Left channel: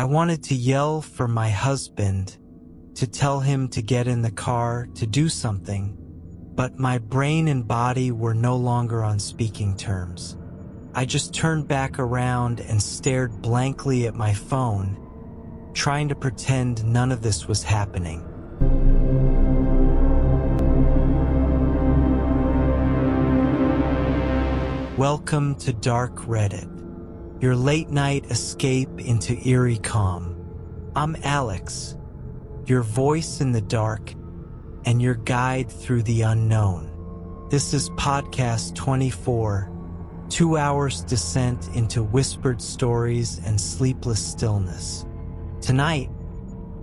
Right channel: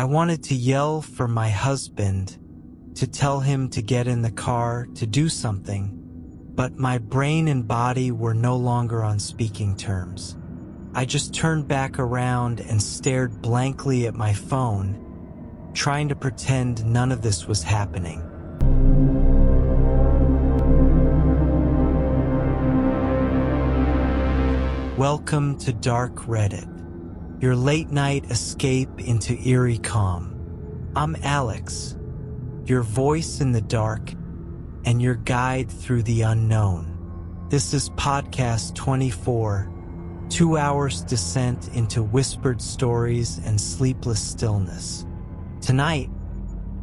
I wanted to yell for my husband, to tell him to get in the car, to do something, but my brain and body were no longer on speaking terms. I just turned back around and stared blankly at my phone, trying to pretend none of this was happening. Welcome to Dark Reddit, your late-night escape into eerie calm. I'm Alex, your voice in the dark and your guide through the unknown. This is Podcast 24, 2 hours descent into whispered stories and sleepless stillness. Tonight,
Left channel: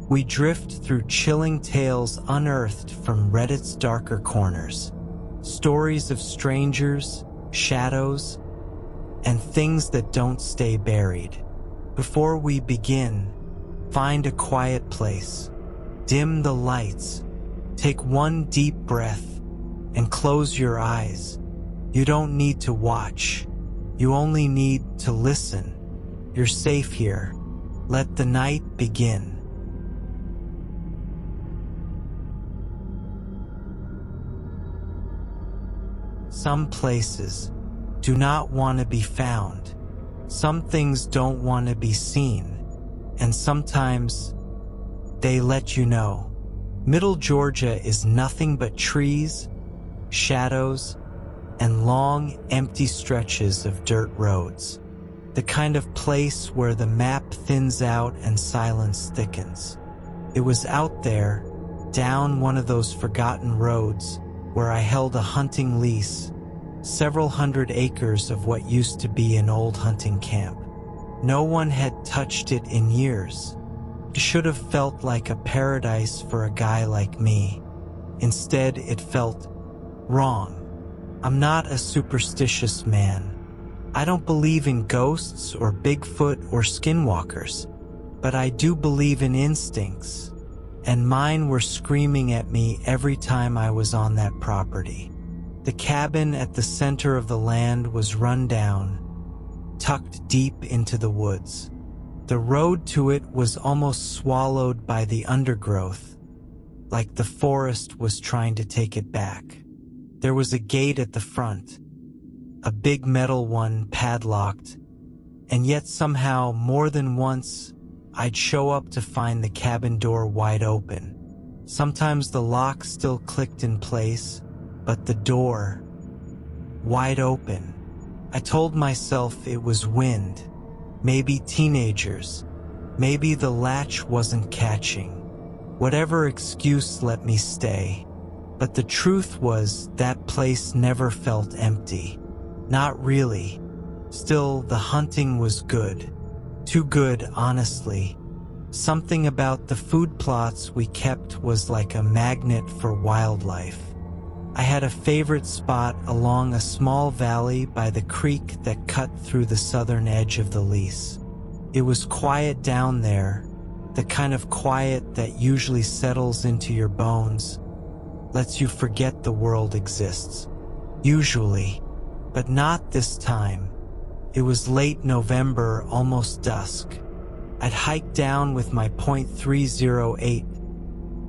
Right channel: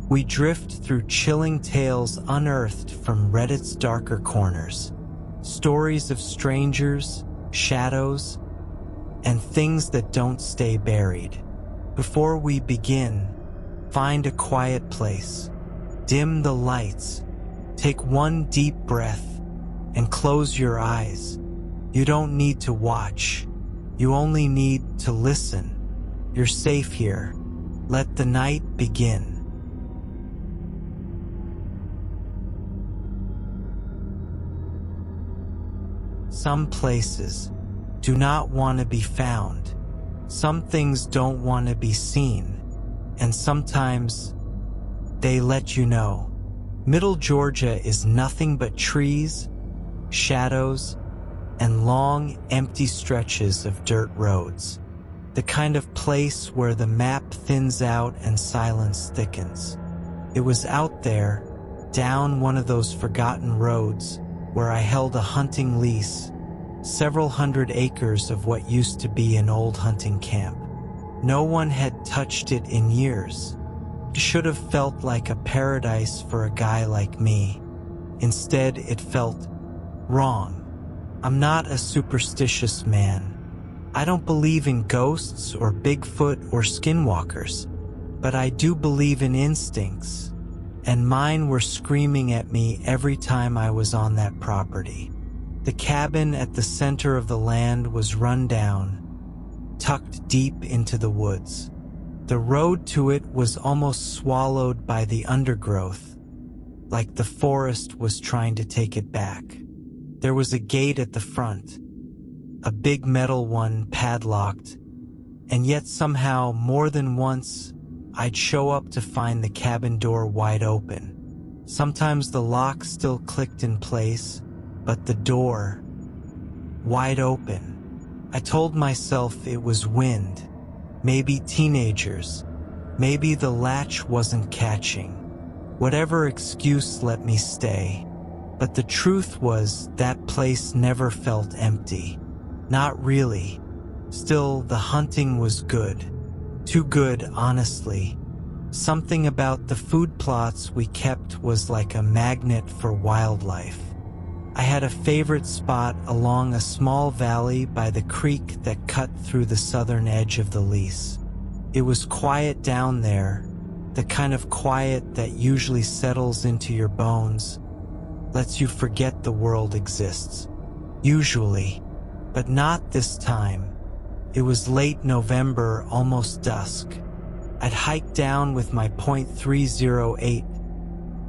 we drift through chilling tales unearthed from Reddit's darker corners. Stories of strangers, shadows, and things that don't stay buried. Before we begin, find a quiet place, dim the lights, take one deep breath, and close your eyes. You don't need to watch. You only need to listen. You're safe here. Let the night begin. Some places do not want to be found. Some things don't want to be seen. And sometimes they let you know. Middle Georgia is nothing but trees, shadows, and long, empty stretches of dirt roads. The kind of place where the map thins out and silence thickens. It was out there, down one of those forgotten roads, where I held a hunting lease, several hundred acres of what used to be an old hunting camp. No one had touched it in years. It should have felt like a paradise for a guy like me. Instead, it felt wrong. I'm not a superstitious man. I don't believe in ghosts or Bigfoot or skinwalkers, but I do believe in instincts, and mine were screaming at me every time I was on that property. The cabin at the center of the land was run down, tucked deep into the woods. The road to it was almost swallowed by the undergrowth, like the forest was trying to take it back. There was a gate at the front, a big metal one padlocked, and yet somehow more than once I'd show up to find the cabin door wide open. Sometimes the lock still clicked in place, but the door, wide open. I told myself it was wind, maybe teenagers, maybe the latch wasn't catching. Whatever excuse let me stay. But the truth was that place never felt empty. Not really. Still, the hunting was good. Too good, honestly. Something about the food plots we kept was like a magnet for wildlife. I had a favorite spot along a small valley by the creek that cut through the southern edge of the lease. It was quiet down there, the kind of quiet that usually settles into your bones, lets you forget the world exists. Usually, but not this time. It was late November, almost dusk. I'd hiked down with my .308,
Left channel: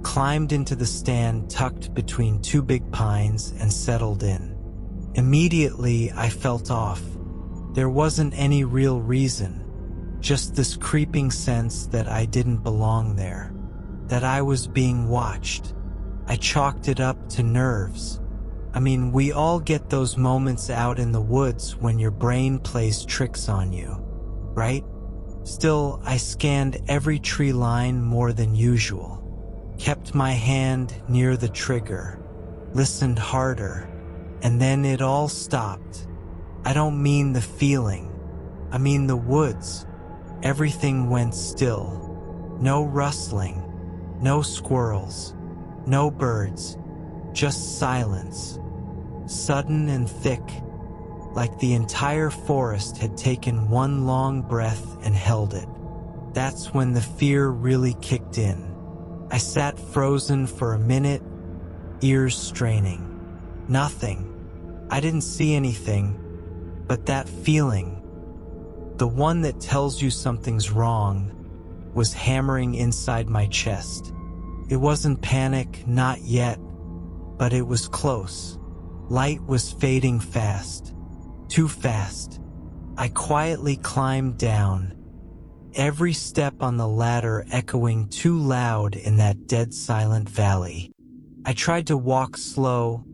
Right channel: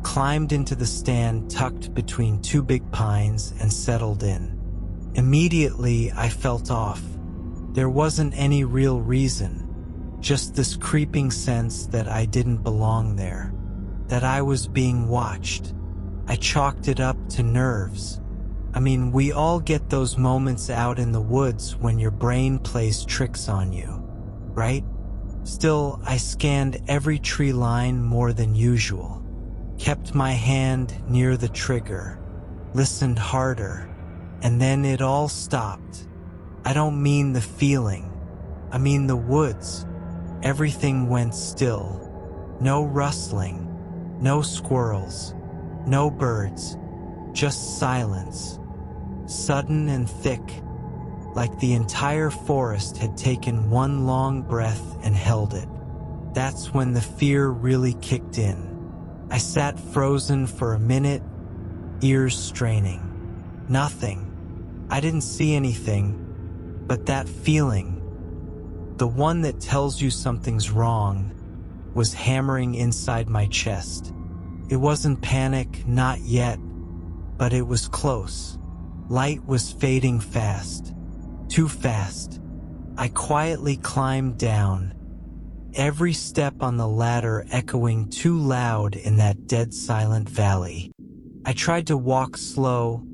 climbed into the stand tucked between two big pines and settled in. Immediately, I felt off. There wasn't any real reason, just this creeping sense that I didn't belong there, that I was being watched. I chalked it up to nerves. I mean, we all get those moments out in the woods when your brain plays tricks on you, right? Still, I scanned every tree line more than usual. Kept my hand near the trigger, listened harder, and then it all stopped. I don't mean the feeling. I mean the woods. Everything went still. No rustling, no squirrels, no birds, just silence. Sudden and thick, like the entire forest had taken one long breath and held it. That's when the fear really kicked in. I sat frozen for a minute, ears straining. Nothing. I didn't see anything, but that feeling, the one that tells you something's wrong, was hammering inside my chest. It wasn't panic, not yet, but it was close. Light was fading fast. Too fast. I quietly climbed down, every step on the ladder echoing too loud in that dead silent valley. I tried to walk slow,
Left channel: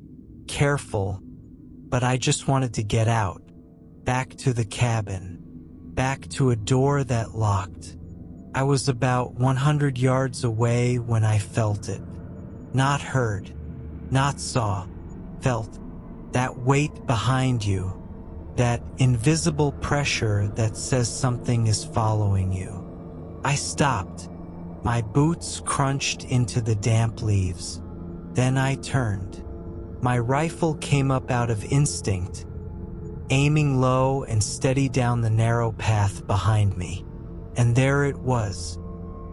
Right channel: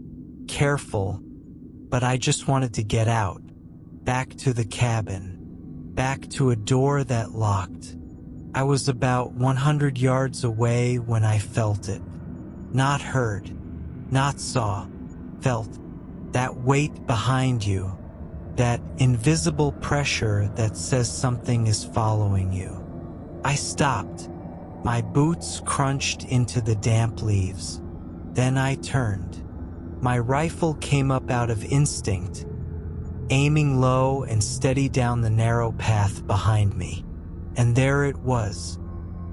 careful, but I just wanted to get out, back to the cabin, back to a door that locked. I was about 100 yards away when I felt it. Not heard, not saw, felt. That weight behind you, that invisible pressure that says something is following you. I stopped. My boots crunched into the damp leaves. Then I turned. My rifle came up out of instinct, aiming low and steady down the narrow path behind me. And there it was.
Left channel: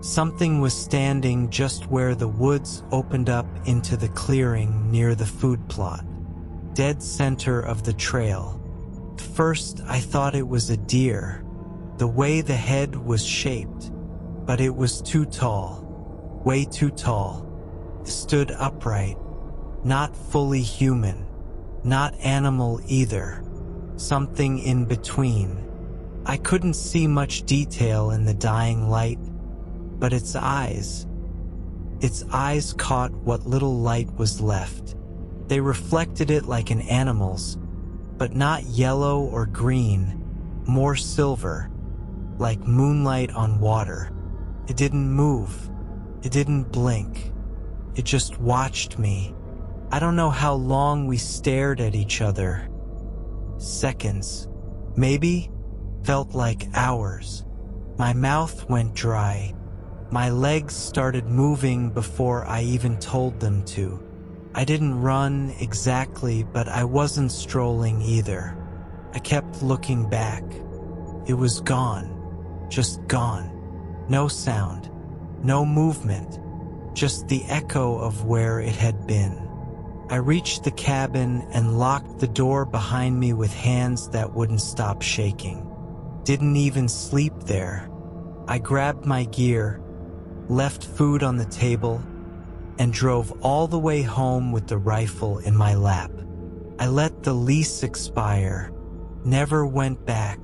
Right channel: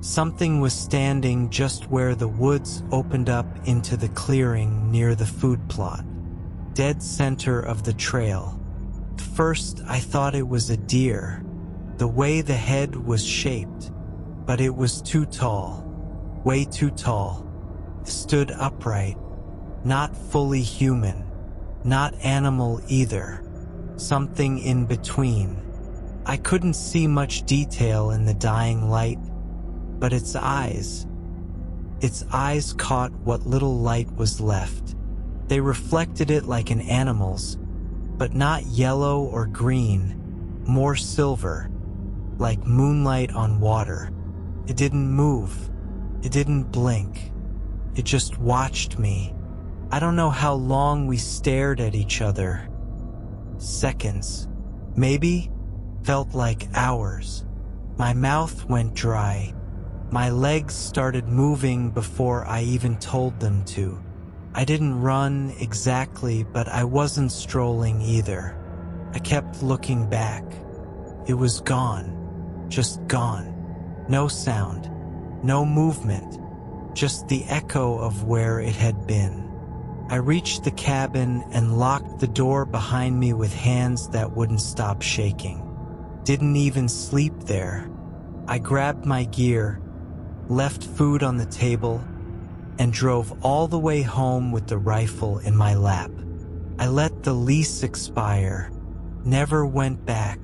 Something was standing just where the woods opened up into the clearing near the food plot, dead center of the trail. At first, I thought it was a deer, the way the head was shaped, but it was too tall, way too tall. It stood upright, not fully human, not animal either, something in between. I couldn't see much detail in the dying light, but its eyes caught what little light was left. They reflected it like an animal's, but not yellow or green, more silver, like moonlight on water. It didn't move. It didn't blink. It just watched me. I don't know how long we stared at each other. Seconds, maybe, felt like hours. My mouth went dry. My legs started moving before I even told them to. I didn't run exactly, but I wasn't strolling either. I kept looking back. It was gone. Just gone. No sound. No movement. Just the echo of where it had been. I reached the cabin and locked the door behind me with hands that wouldn't stop shaking. Didn't even sleep there. I grabbed my gear, left food on the table, and drove all the way home with the rifle in my lap. I let the lease expire, never went back.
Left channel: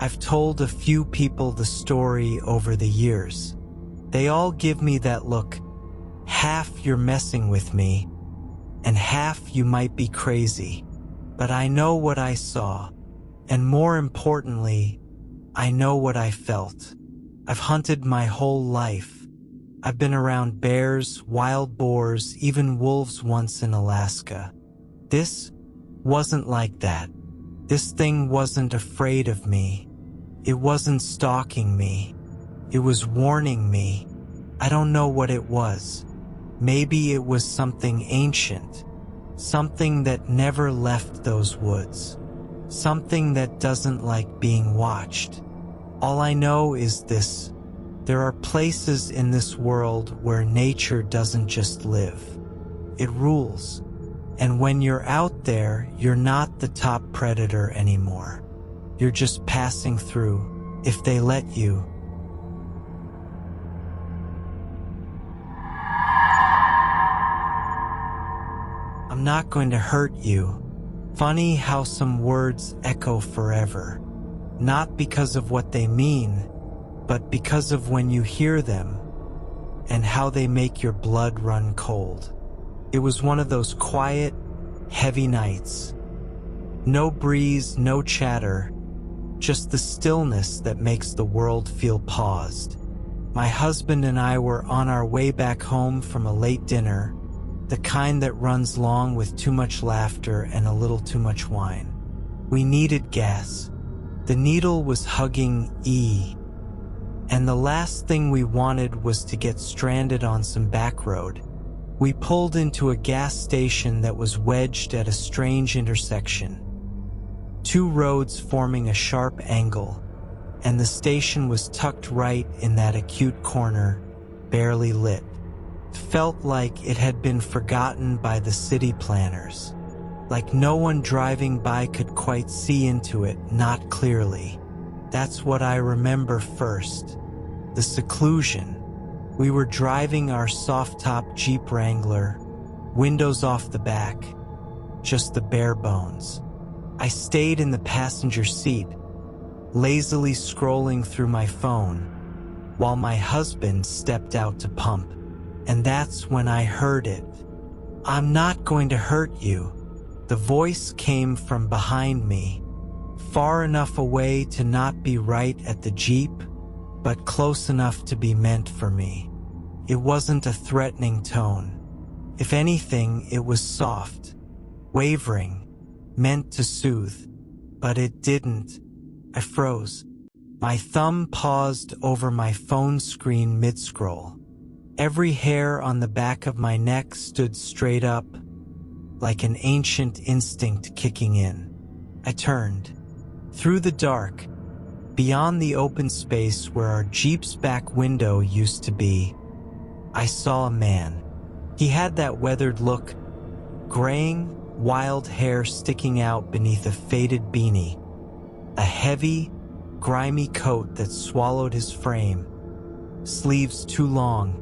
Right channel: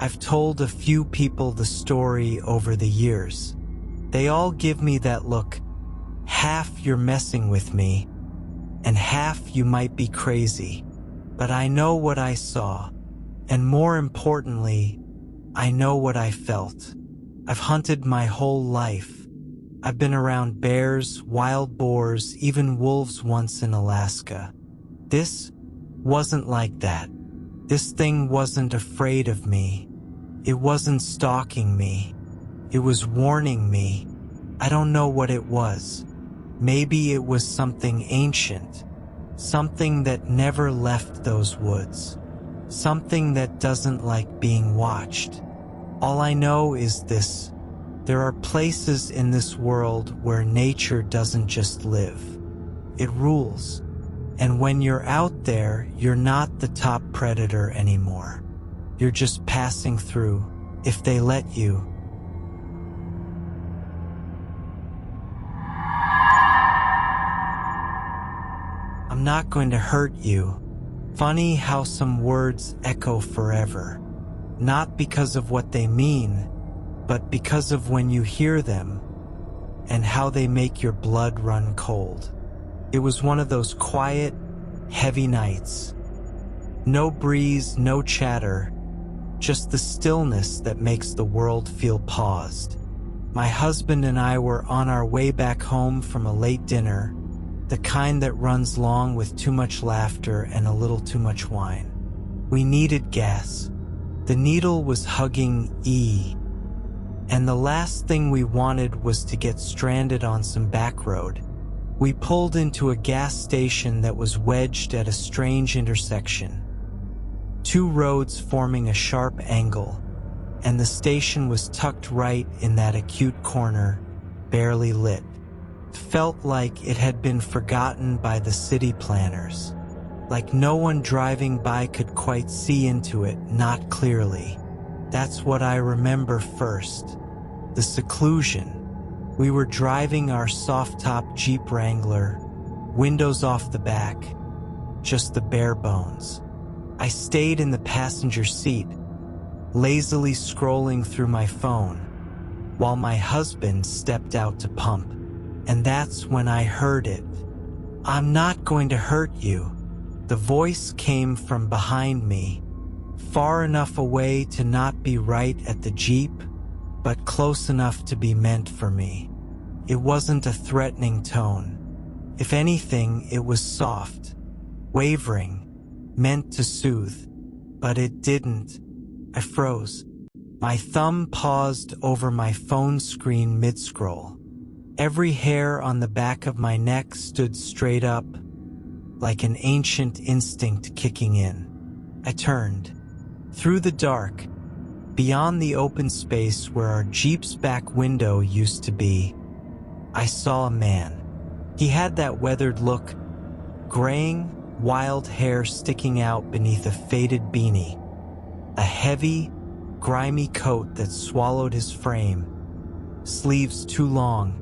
I've told a few people the story over the years. They all give me that look, half you're messing with me, and half you might be crazy. But I know what I saw, and more importantly, I know what I felt. I've hunted my whole life. I've been around bears, wild boars, even wolves once in Alaska. This wasn't like that. This thing wasn't afraid of me. It wasn't stalking me. It was warning me. I don't know what it was. Maybe it was something ancient. Something that never left those woods. Something that doesn't like being watched. All I know is this. There are places in this world where nature doesn't just live. It rules. And when you're out there, you're not the top predator anymore. You're just passing through, if they let you. I'm not going to hurt you. Funny how some words echo forever. Not because of what they mean, but because of when you hear them and how they make your blood run cold. It was one of those quiet, heavy nights. No breeze, no chatter, just the stillness that makes the world feel paused. My husband and I were on our way back home from a late dinner, the kind that runs long with too much laughter and a little too much wine. We needed gas. The needle was hugging E. And the last thing we wanted was to get stranded on some back road. We pulled into a gas station that was wedged at a strange intersection. Two roads forming a sharp angle, and the station was tucked right in that acute corner, barely lit. It felt like it had been forgotten by the city planners. Like no one driving by could quite see into it, not clearly. That's what I remember first. the seclusion. We were driving our soft-top Jeep Wrangler, windows off the back, just the bare bones. I stayed in the passenger seat, lazily scrolling through my phone, while my husband stepped out to pump. And that's when I heard it. "I'm not going to hurt you." The voice came from behind me, far enough away to not be right at the Jeep, but close enough to be meant for me. It wasn't a threatening tone. If anything, it was soft, wavering, meant to soothe. But it didn't. I froze. My thumb paused over my phone screen mid-scroll. Every hair on the back of my neck stood straight up, like an ancient instinct kicking in. I turned. Through the dark, beyond the open space where our Jeep's back window used to be, I saw a man. He had that weathered look, graying, wild hair sticking out beneath a faded beanie, a heavy, grimy coat that swallowed his frame, sleeves too long,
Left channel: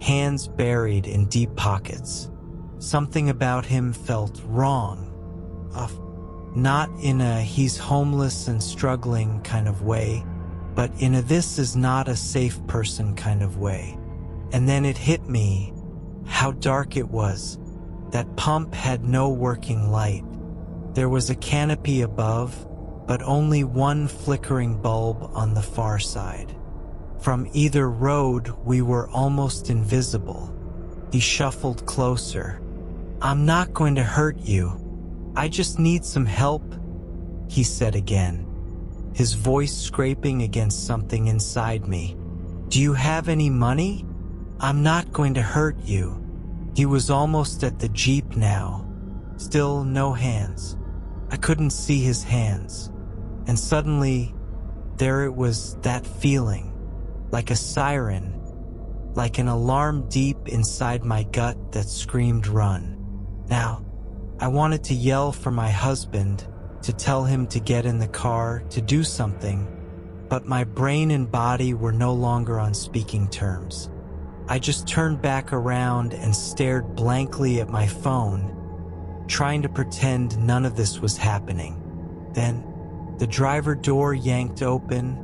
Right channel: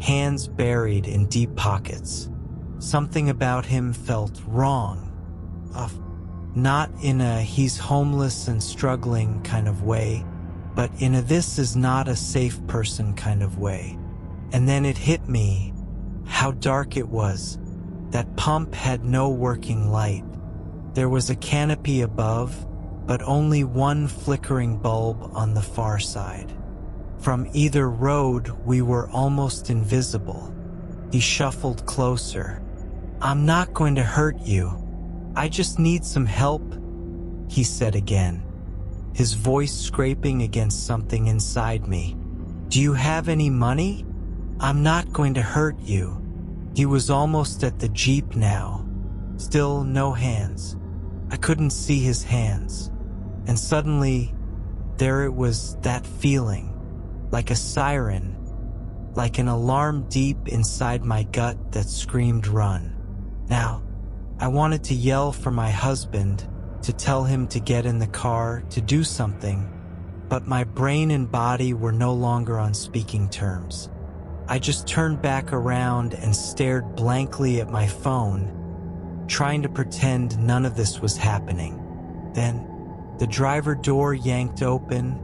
hands buried in deep pockets. Something about him felt wrong. Not in a he's homeless and struggling kind of way, but in a this is not a safe person kind of way. And then it hit me how dark it was. That pump had no working light. There was a canopy above, but only one flickering bulb on the far side. From either road, we were almost invisible. He shuffled closer. "I'm not going to hurt you. I just need some help," he said again, his voice scraping against something inside me. "Do you have any money? I'm not going to hurt you." He was almost at the Jeep now. Still no hands. I couldn't see his hands. And suddenly, there it was, that feeling. Like a siren. Like an alarm deep inside my gut that screamed run. Now, I wanted to yell for my husband, to tell him to get in the car, to do something, but my brain and body were no longer on speaking terms. I just turned back around and stared blankly at my phone, trying to pretend none of this was happening. Then, the driver door yanked open,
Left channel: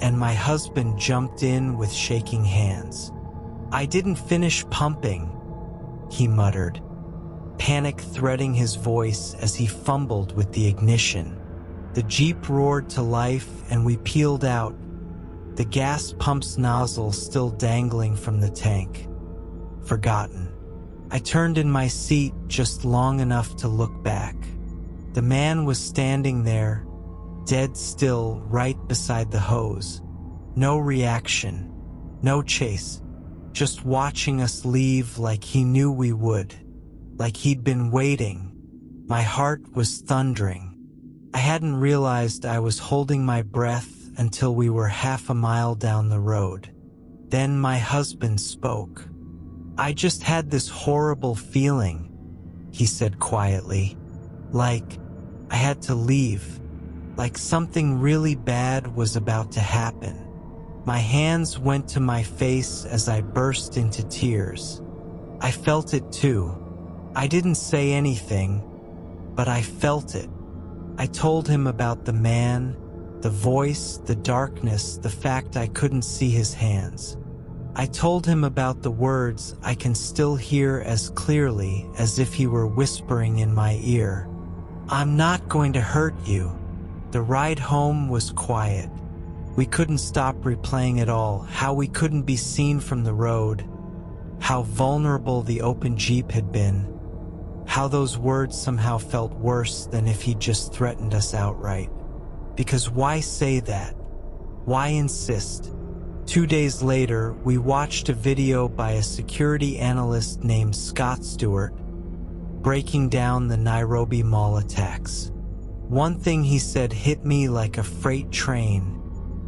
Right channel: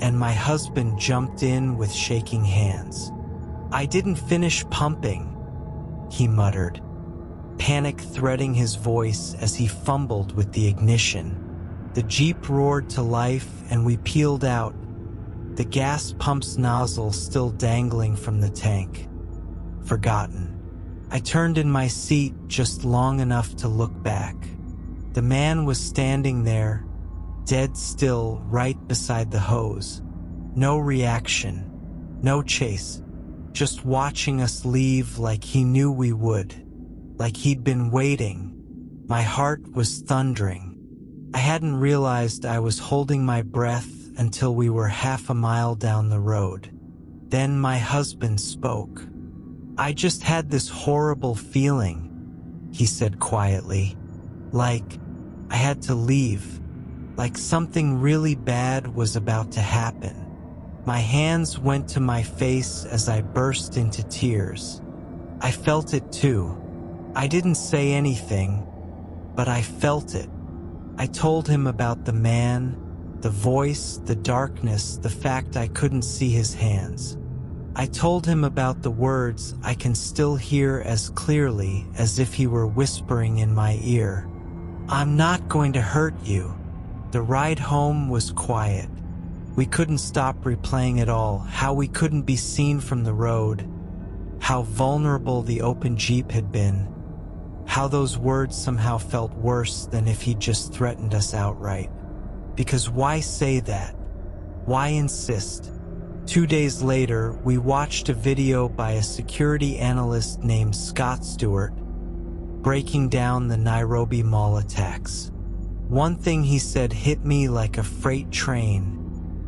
and my husband jumped in with shaking hands. "I didn't finish pumping," he muttered, panic threading his voice as he fumbled with the ignition. The Jeep roared to life and we peeled out, the gas pump's nozzle still dangling from the tank. Forgotten. I turned in my seat just long enough to look back. The man was standing there, dead still, right beside the hose. No reaction, no chase, just watching us leave like he knew we would, like he'd been waiting. My heart was thundering. I hadn't realized I was holding my breath until we were half a mile down the road. Then my husband spoke. "I just had this horrible feeling," he said quietly. "Like I had to leave. Like something really bad was about to happen." My hands went to my face as I burst into tears. I felt it too. I didn't say anything, but I felt it. I told him about the man, the voice, the darkness, the fact I couldn't see his hands. I told him about the words I can still hear as clearly as if he were whispering in my ear. "I'm not going to hurt you." The ride home was quiet. We couldn't stop replaying it all, how we couldn't be seen from the road, how vulnerable the open Jeep had been, how those words somehow felt worse than if he'd just threatened us outright. Because why say that? Why insist? 2 days later, we watched a video by a security analyst named Scott Stewart, breaking down the Nairobi Mall attacks. One thing he said hit me like a freight train.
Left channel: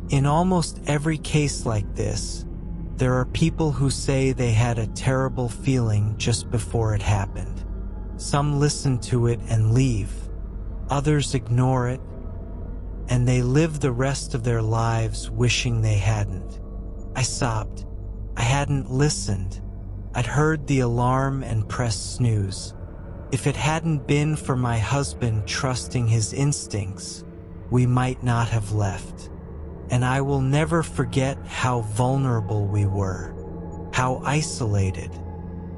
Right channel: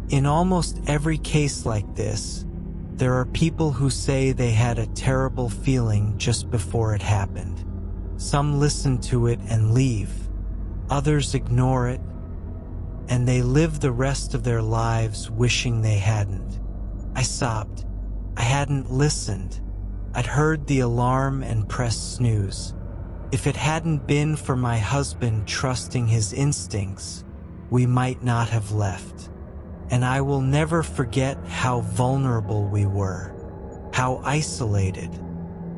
In almost every case like this, there are people who say they had a terrible feeling just before it happened. Some listen to it and leave. Others ignore it, and they live the rest of their lives wishing they hadn't. I sobbed. I hadn't listened. I'd heard the alarm and pressed snooze. If it hadn't been for my husband trusting his instincts, we might not have left. And I will never forget how vulnerable we were, how isolated,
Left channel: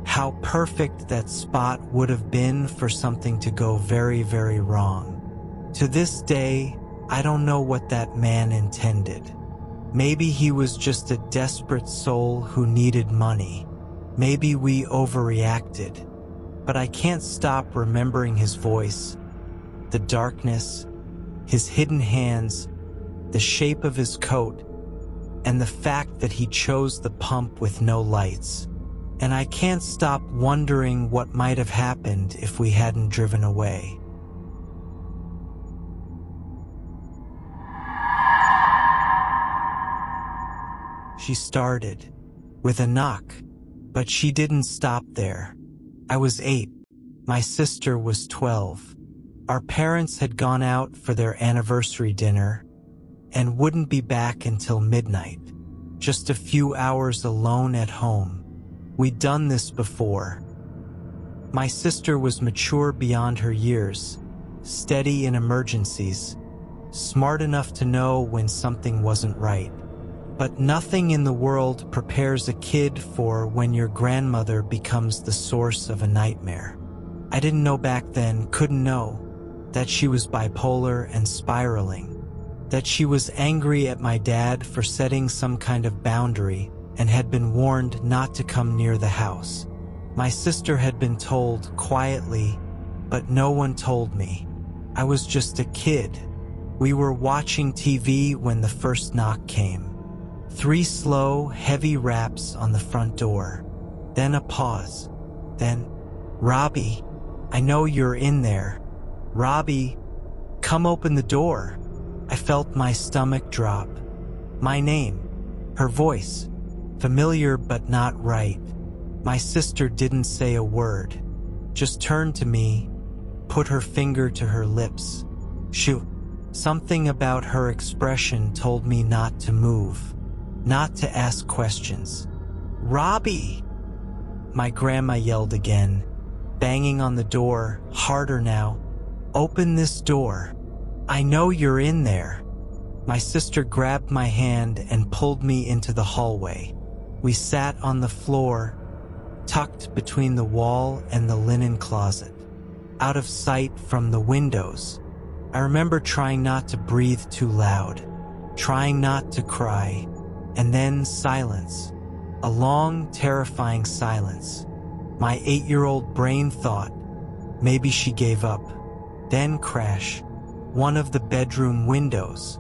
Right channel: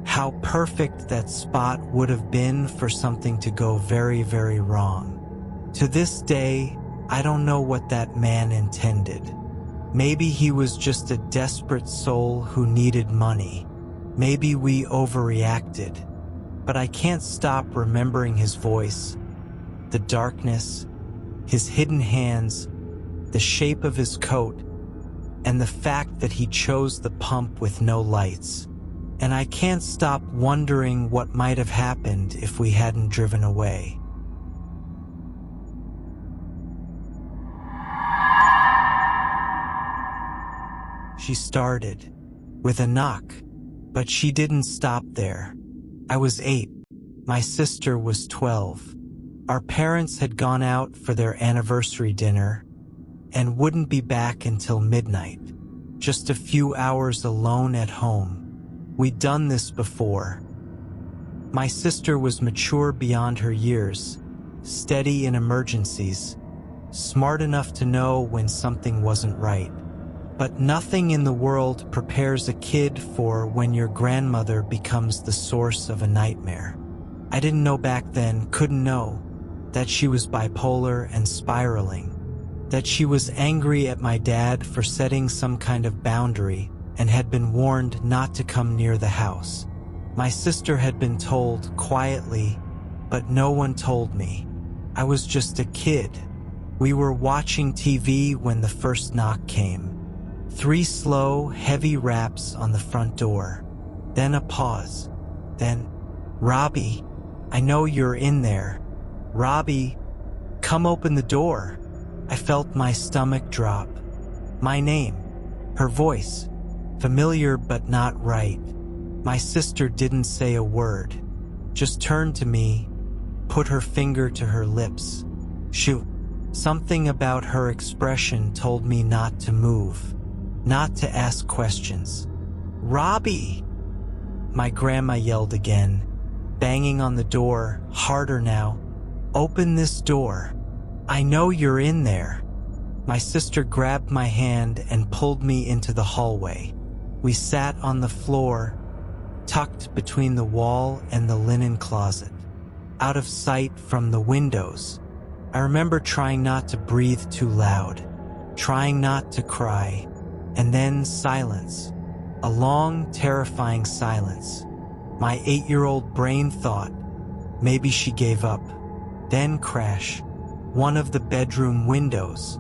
how perfect that spot would have been for something to go very, very wrong. To this day, I don't know what that man intended. Maybe he was just a desperate soul who needed money. Maybe we overreacted. But I can't stop remembering his voice, the darkness, his hidden hands, the shape of his coat, and the fact that he chose the pump with no lights. And I can't stop wondering what might have happened if we hadn't driven away. She started with a knock, but she didn't stop there. I was 8. My sister was 12. Our parents had gone out for their anniversary dinner and wouldn't be back until midnight. Just a few hours alone at home. We'd done this before. My sister was mature beyond her years, steady in emergencies, smart enough to know when something wasn't right. But nothing in the world prepares a kid for when your grandmother becomes the source of a nightmare. I didn't know back then, couldn't know, that she was bipolar and spiraling, that she was angry at my dad for setting some kind of boundary and had been warned not to come near the house. My sister had been told quietly, but no one told me. I was just a kid. We were watching TV when the first knock came. 3 slow, heavy raps on the front door. Then a pause. Then, "Robbie, I know you're in there. Robbie, come open the door." I felt my stomach drop. My name, her voice, familiar but not right. My sister didn't say a word, just turned to me, put her finger to her lips. Shoot, something about her expression told me not to move. Not to ask questions. "Robbie!" My grandma yelled again, banging on the door, harder now. "Open this door. I know you're in there." My sister grabbed my hand and pulled me into the hallway. We sat on the floor, tucked between the wall and the linen closet, out of sight from the windows. I remember trying not to breathe too loud, trying not to cry. And then silence. A long, terrifying silence. My 8-year-old brain thought, maybe she gave up. Then crash. One of the bedroom windows.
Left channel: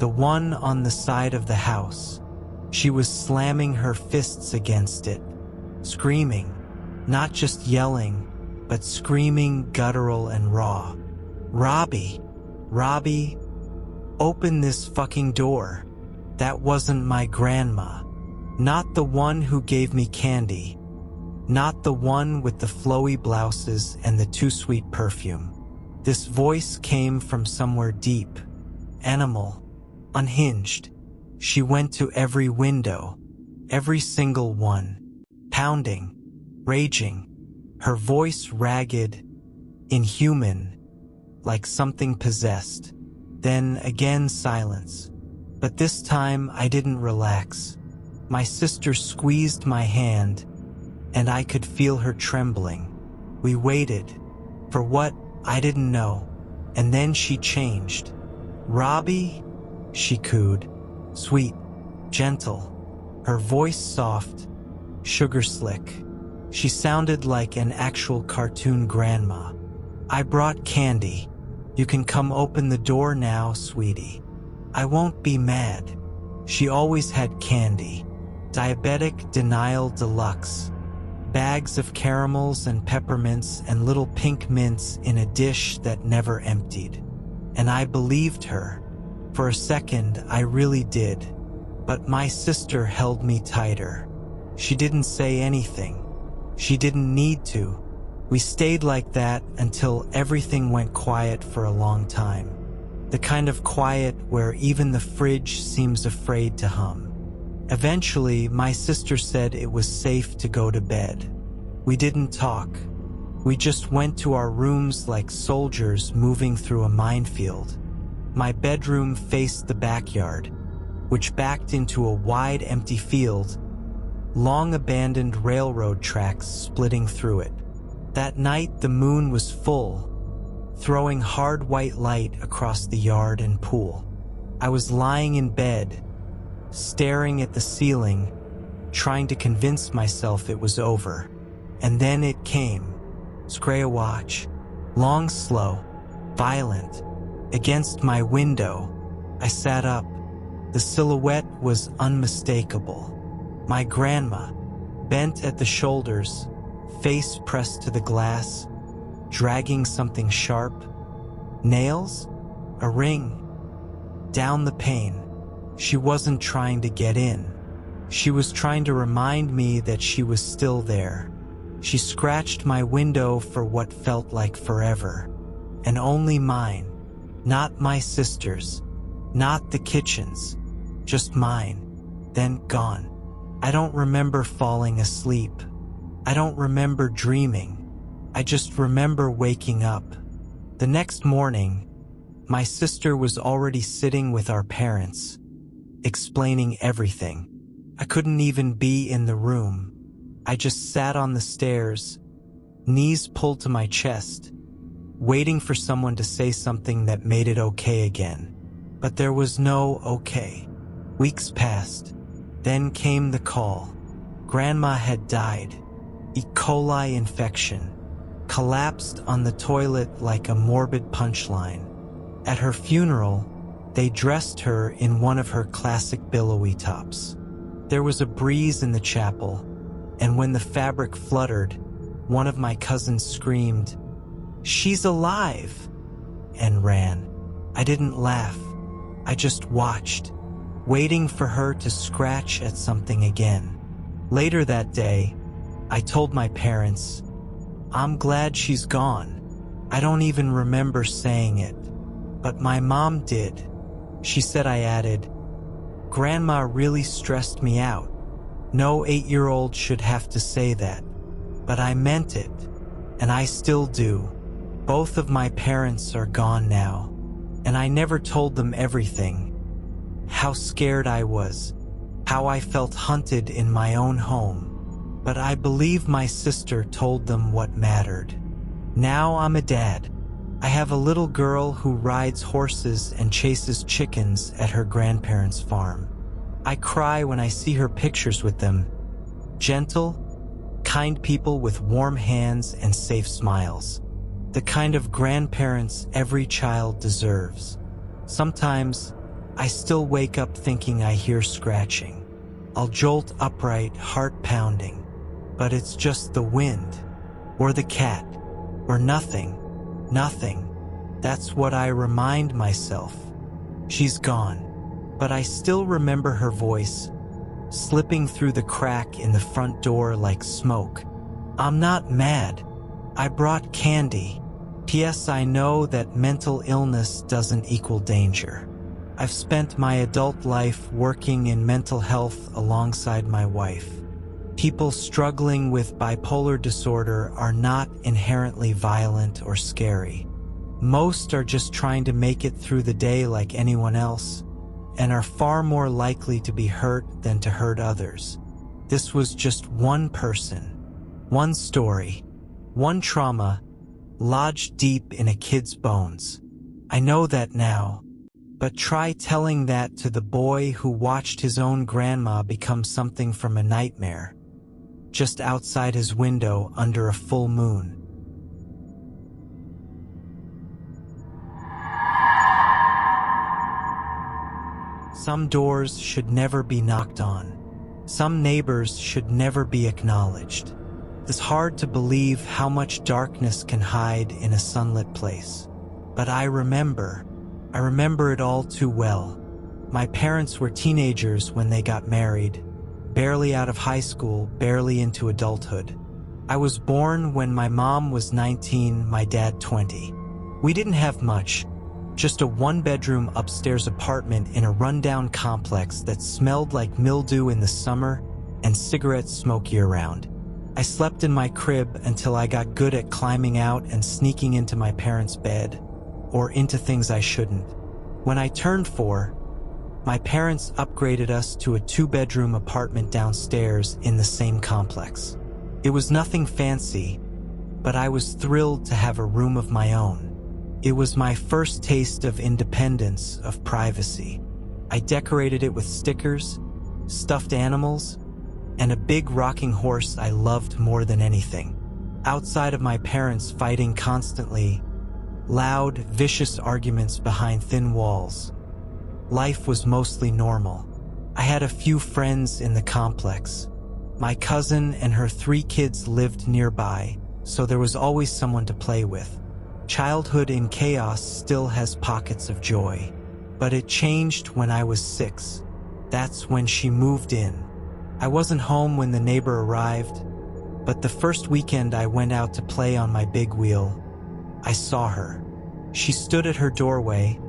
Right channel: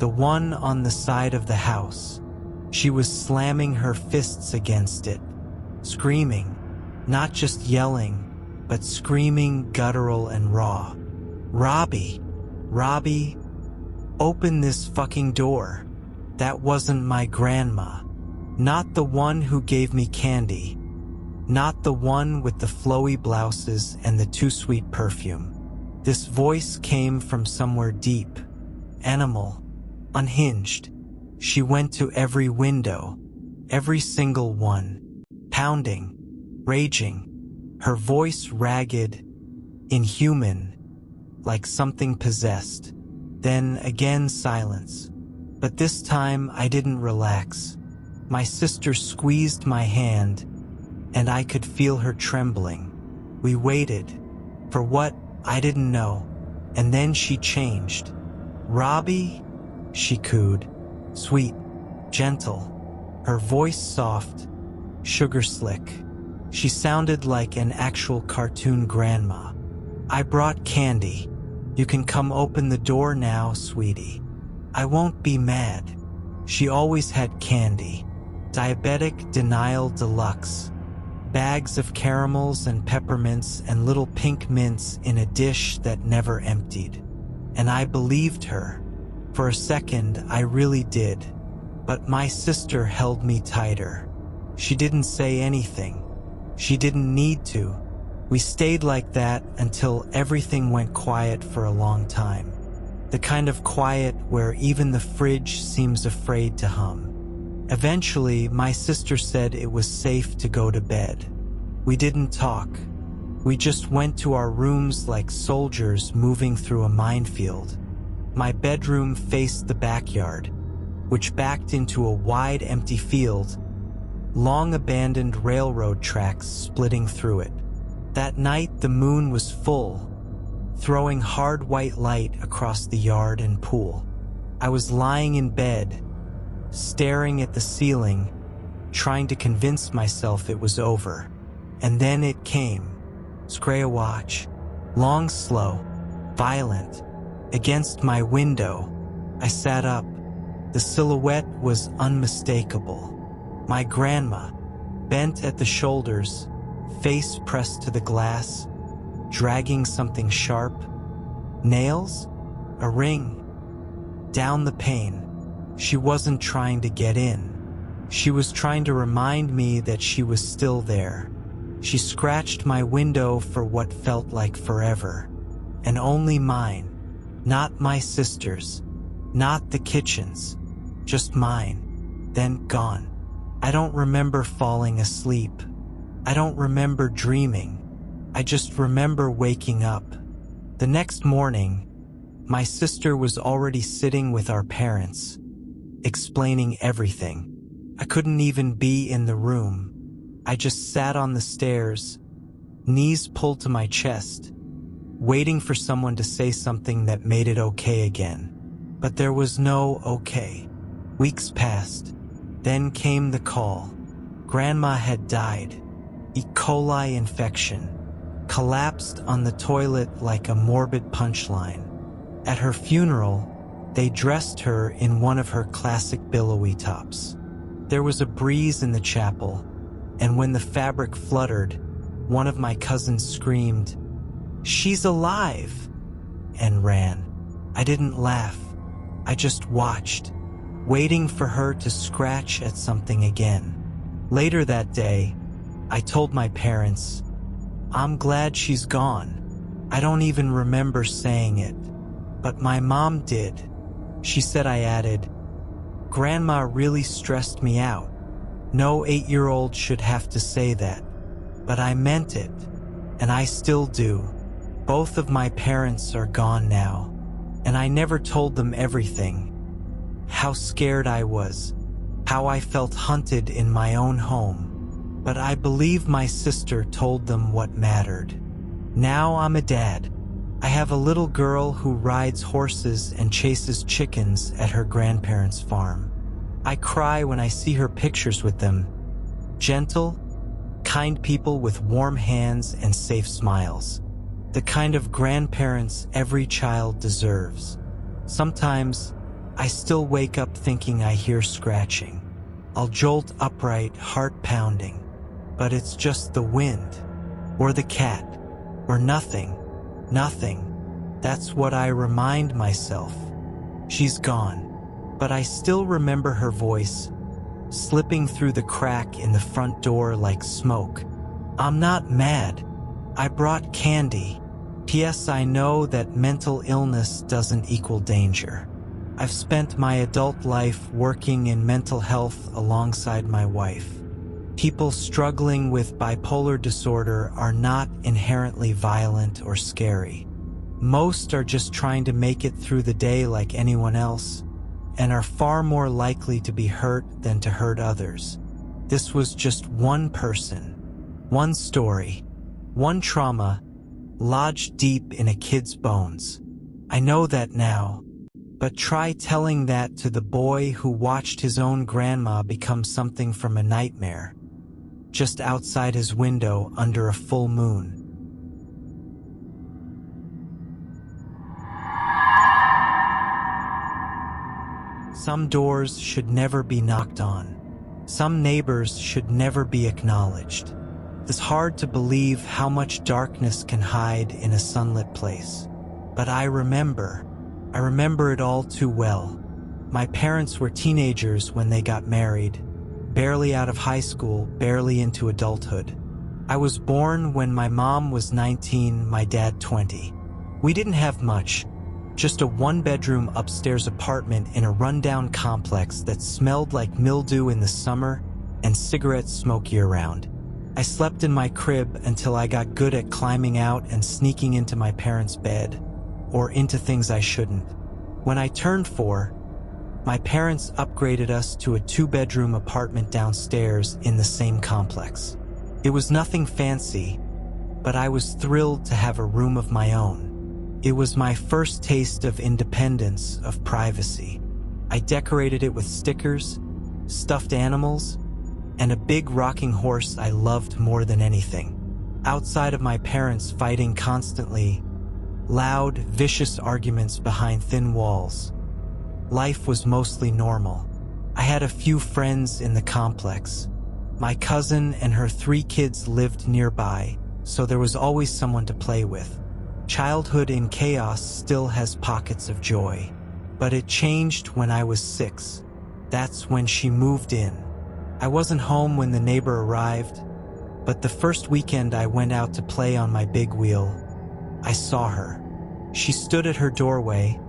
The one on the side of the house. She was slamming her fists against it. Screaming. Not just yelling, but screaming guttural and raw. "Robbie! Robbie! Open this fucking door." That wasn't my grandma. Not the one who gave me candy. Not the one with the flowy blouses and the too sweet perfume. This voice came from somewhere deep, animal, unhinged. She went to every window, every single one, pounding, raging, her voice ragged, inhuman, like something possessed. Then again silence. But this time I didn't relax. My sister squeezed my hand, and I could feel her trembling. We waited. For what? I didn't know. And then she changed. "Robbie?" she cooed. Sweet, gentle. Her voice soft, sugar slick. She sounded like an actual cartoon grandma. "I brought candy. You can come open the door now, sweetie. I won't be mad." She always had candy. Diabetic denial deluxe. Bags of caramels and peppermints and little pink mints in a dish that never emptied. And I believed her. For a second, I really did. But my sister held me tighter. She didn't say anything. She didn't need to. We stayed like that until everything went quiet for a long time. The kind of quiet where even the fridge seems afraid to hum. Eventually, my sister said it was safe to go to bed. We didn't talk. We just went to our rooms like soldiers moving through a minefield. My bedroom faced the backyard, which backed into a wide empty field, long abandoned railroad tracks splitting through it. That night the moon was full, throwing hard white light across the yard and pool. I was lying in bed, staring at the ceiling, trying to convince myself it was over. And then it came. Screwwatch. Long, slow, violent. Against my window. I sat up. The silhouette was unmistakable. My grandma, bent at the shoulders, face pressed to the glass, dragging something sharp. Nails? A ring. Down the pane. She wasn't trying to get in. She was trying to remind me that she was still there. She scratched my window for what felt like forever. And only mine. Not my sister's. Not the kitchen's. Just mine. Then gone. I don't remember falling asleep. I don't remember dreaming. I just remember waking up. The next morning, my sister was already sitting with our parents, explaining everything. I couldn't even be in the room. I just sat on the stairs, knees pulled to my chest, waiting for someone to say something that made it okay again. But there was no okay. Weeks passed. Then came the call. Grandma had died. E. coli infection. Collapsed on the toilet like a morbid punchline. At her funeral, they dressed her in one of her classic billowy tops. There was a breeze in the chapel, and when the fabric fluttered, one of my cousins screamed, "She's alive!" and ran. I didn't laugh. I just watched, waiting for her to scratch at something again. Later that day, I told my parents, "I'm glad she's gone." I don't even remember saying it, but my mom did. She said I added, "Grandma really stressed me out. No 8-year-old should have to say that." But I meant it, and I still do. Both of my parents are gone now, and I never told them everything. How scared I was, how I felt hunted in my own home. But I believe my sister told them what mattered. Now I'm a dad. I have a little girl who rides horses and chases chickens at her grandparents' farm. I cry when I see her pictures with them. Gentle, kind people with warm hands and safe smiles. The kind of grandparents every child deserves. Sometimes, I still wake up thinking I hear scratching. I'll jolt upright, heart pounding. But it's just the wind, or the cat, or nothing. Nothing. That's what I remind myself. She's gone. But I still remember her voice, slipping through the crack in the front door like smoke. "I'm not mad. I brought candy. P.S. I know that mental illness doesn't equal danger. I've spent my adult life working in mental health alongside my wife. People struggling with bipolar disorder are not inherently violent or scary. Most are just trying to make it through the day like anyone else, and are far more likely to be hurt than to hurt others. This was just one person, one story, one trauma, lodged deep in a kid's bones. I know that now, but try telling that to the boy who watched his own grandma become something from a nightmare, just outside his window under a full moon. Some doors should never be knocked on. Some neighbors should never be acknowledged. It's hard to believe how much darkness can hide in a sunlit place. But I remember it all too well. My parents were teenagers when they got married, barely out of high school, barely into adulthood. I was born when my mom was 19, my dad 20. We didn't have much, just a one-bedroom upstairs apartment in a rundown complex that smelled like mildew in the summer and cigarette smoke year-round. I slept in my crib until I got good at climbing out and sneaking into my parents' bed, or into things I shouldn't. When I turned 4, my parents upgraded us to a 2-bedroom apartment downstairs in the same complex. It was nothing fancy, but I was thrilled to have a room of my own. It was my first taste of independence, of privacy. I decorated it with stickers, stuffed animals, and a big rocking horse I loved more than anything. Outside of my parents fighting constantly, loud, vicious arguments behind thin walls, life was mostly normal. I had a few friends in the complex. My cousin and her 3 kids lived nearby, so there was always someone to play with. Childhood in chaos still has pockets of joy. But it changed when I was 6. That's when she moved in. I wasn't home when the neighbor arrived, but the first weekend I went out to play on my big wheel, I saw her. She stood at her doorway,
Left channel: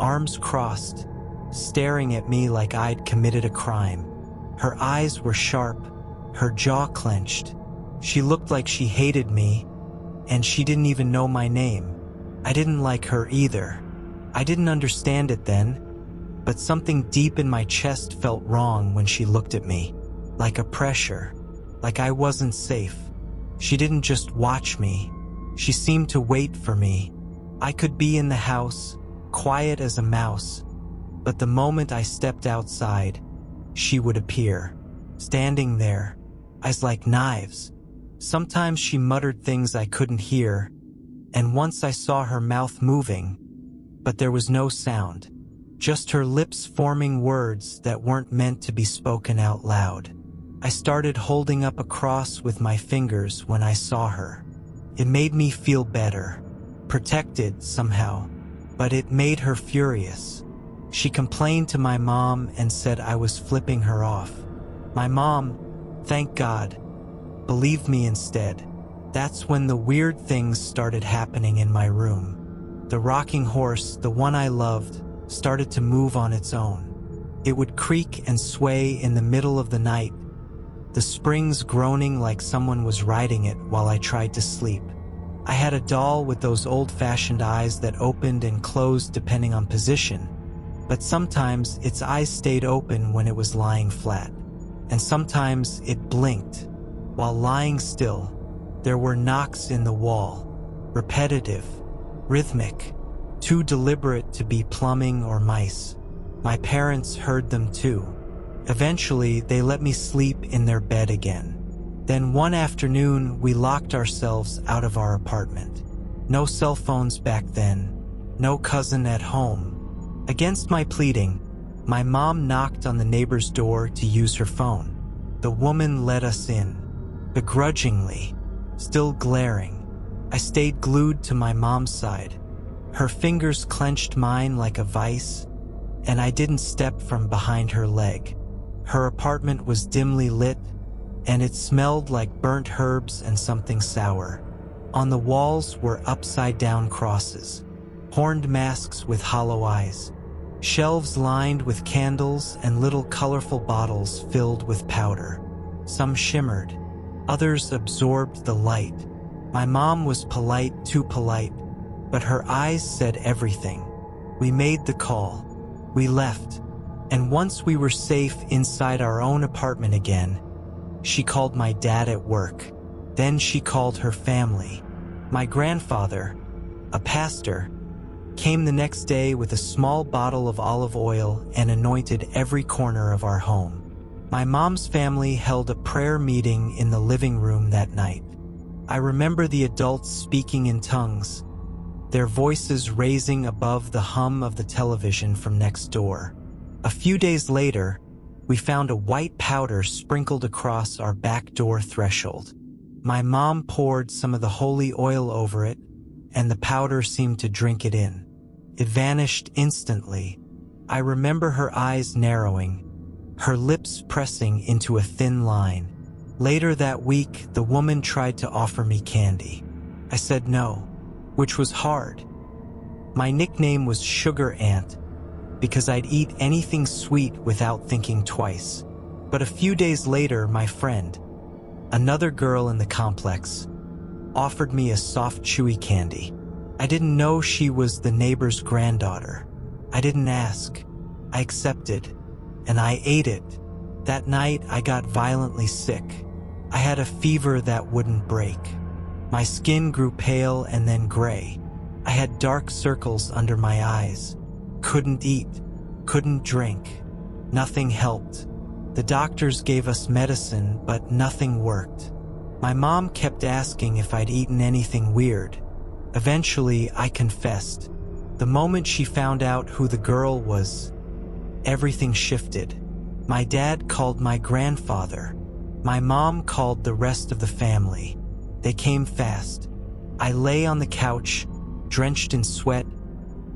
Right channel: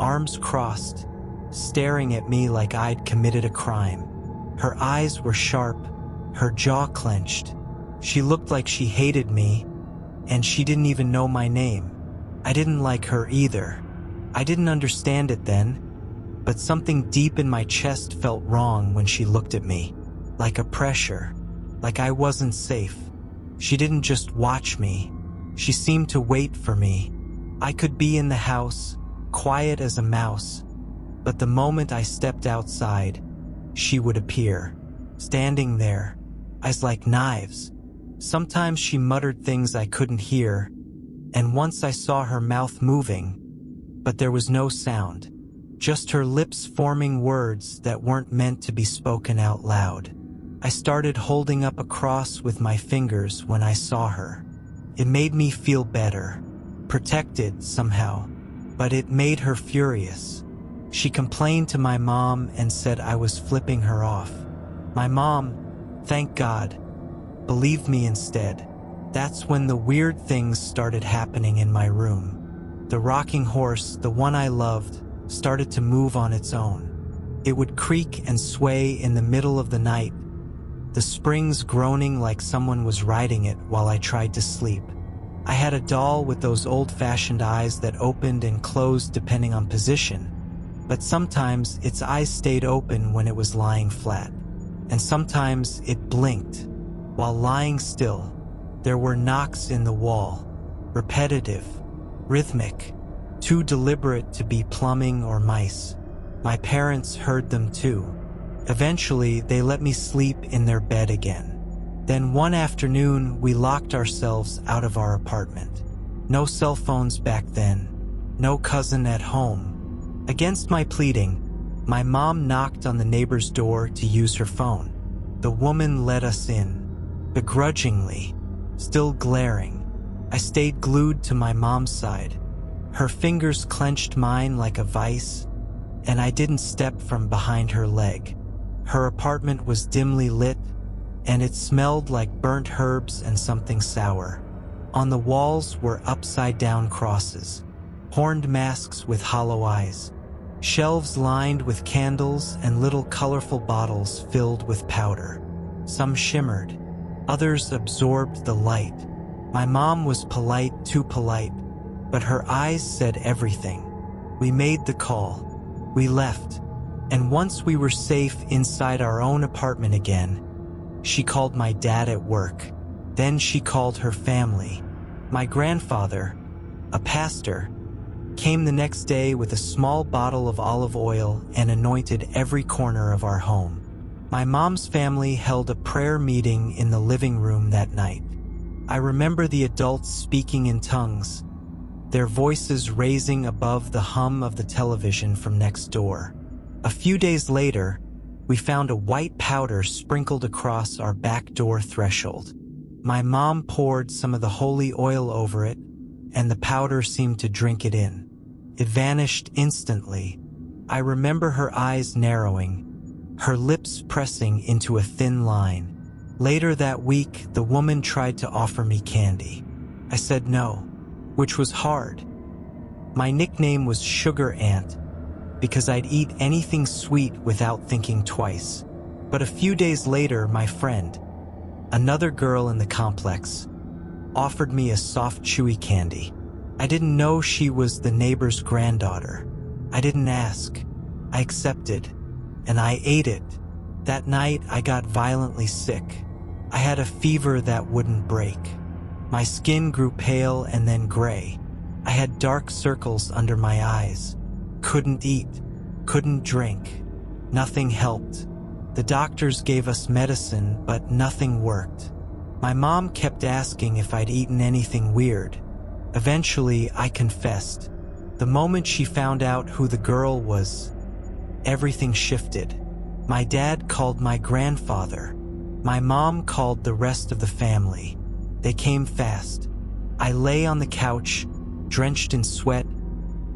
arms crossed, staring at me like I'd committed a crime. Her eyes were sharp, her jaw clenched. She looked like she hated me, and she didn't even know my name. I didn't like her either. I didn't understand it then, but something deep in my chest felt wrong when she looked at me. Like a pressure, like I wasn't safe. She didn't just watch me, she seemed to wait for me. I could be in the house, quiet as a mouse, but the moment I stepped outside, she would appear, standing there, eyes like knives. Sometimes she muttered things I couldn't hear, and once I saw her mouth moving, but there was no sound, just her lips forming words that weren't meant to be spoken out loud. I started holding up a cross with my fingers when I saw her. It made me feel better, protected somehow, but it made her furious. She complained to my mom and said I was flipping her off. My mom, thank God, believed me instead. That's when the weird things started happening in my room. The rocking horse, the one I loved, started to move on its own. It would creak and sway in the middle of the night, the springs groaning like someone was riding it while I tried to sleep. I had a doll with those old-fashioned eyes that opened and closed depending on position, but sometimes its eyes stayed open when it was lying flat, and sometimes it blinked. While lying still, there were knocks in the wall, repetitive, rhythmic, too deliberate to be plumbing or mice. My parents heard them too. Eventually, they let me sleep in their bed again. Then one afternoon, we locked ourselves out of our apartment. No cell phones back then, no cousin at home. Against my pleading, my mom knocked on the neighbor's door to use her phone. The woman let us in, begrudgingly, still glaring. I stayed glued to my mom's side. Her fingers clenched mine like a vice, and I didn't step from behind her leg. Her apartment was dimly lit, and it smelled like burnt herbs and something sour. On the walls were upside-down crosses, horned masks with hollow eyes, shelves lined with candles and little colorful bottles filled with powder. Some shimmered, others absorbed the light. My mom was polite, too polite, but her eyes said everything. We made the call. We left. And once we were safe inside our own apartment again, she called my dad at work. Then she called her family. My grandfather, a pastor, came the next day with a small bottle of olive oil and anointed every corner of our home. My mom's family held a prayer meeting in the living room that night. I remember the adults speaking in tongues, their voices raising above the hum of the television from next door. A few days later, we found a white powder sprinkled across our back door threshold. My mom poured some of the holy oil over it, and the powder seemed to drink it in. It vanished instantly. I remember her eyes narrowing, her lips pressing into a thin line. Later that week, the woman tried to offer me candy. I said no, which was hard. My nickname was Sugar Ant because I'd eat anything sweet without thinking twice. But a few days later, my friend, another girl in the complex, offered me a soft, chewy candy. I didn't know she was the neighbor's granddaughter. I didn't ask. I accepted, and I ate it. That night, I got violently sick. I had a fever that wouldn't break. My skin grew pale and then gray. I had dark circles under my eyes. Couldn't eat, couldn't drink. Nothing helped. The doctors gave us medicine, but nothing worked. My mom kept asking if I'd eaten anything weird. Eventually, I confessed. The moment she found out who the girl was, everything shifted. My dad called my grandfather. My mom called the rest of the family. They came fast. I lay on the couch, drenched in sweat,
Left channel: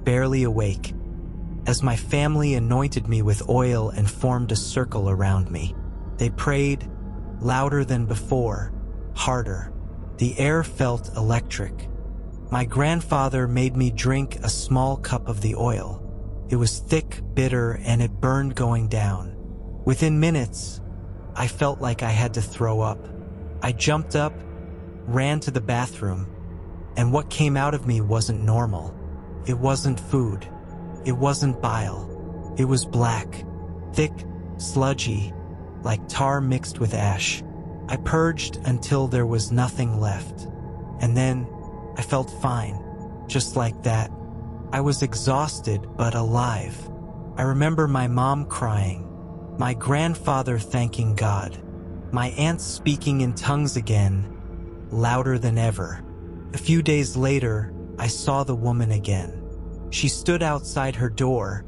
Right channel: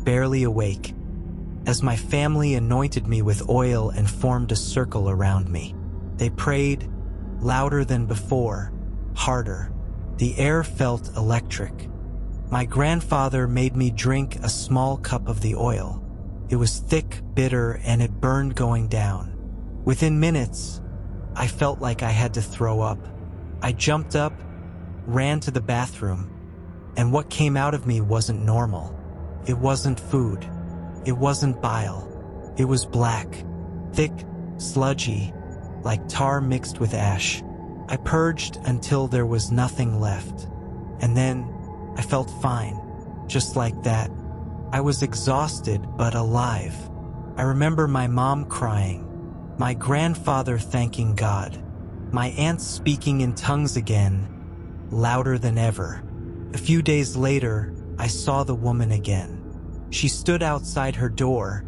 barely awake, as my family anointed me with oil and formed a circle around me. They prayed, louder than before, harder. The air felt electric. My grandfather made me drink a small cup of the oil. It was thick, bitter, and it burned going down. Within minutes, I felt like I had to throw up. I jumped up, ran to the bathroom, and what came out of me wasn't normal. It wasn't food. It wasn't bile. It was black, thick, sludgy, like tar mixed with ash. I purged until there was nothing left. And then I felt fine, just like that. I was exhausted but alive. I remember my mom crying, my grandfather thanking God, my aunt speaking in tongues again, louder than ever. A few days later, I saw the woman again. She stood outside her door,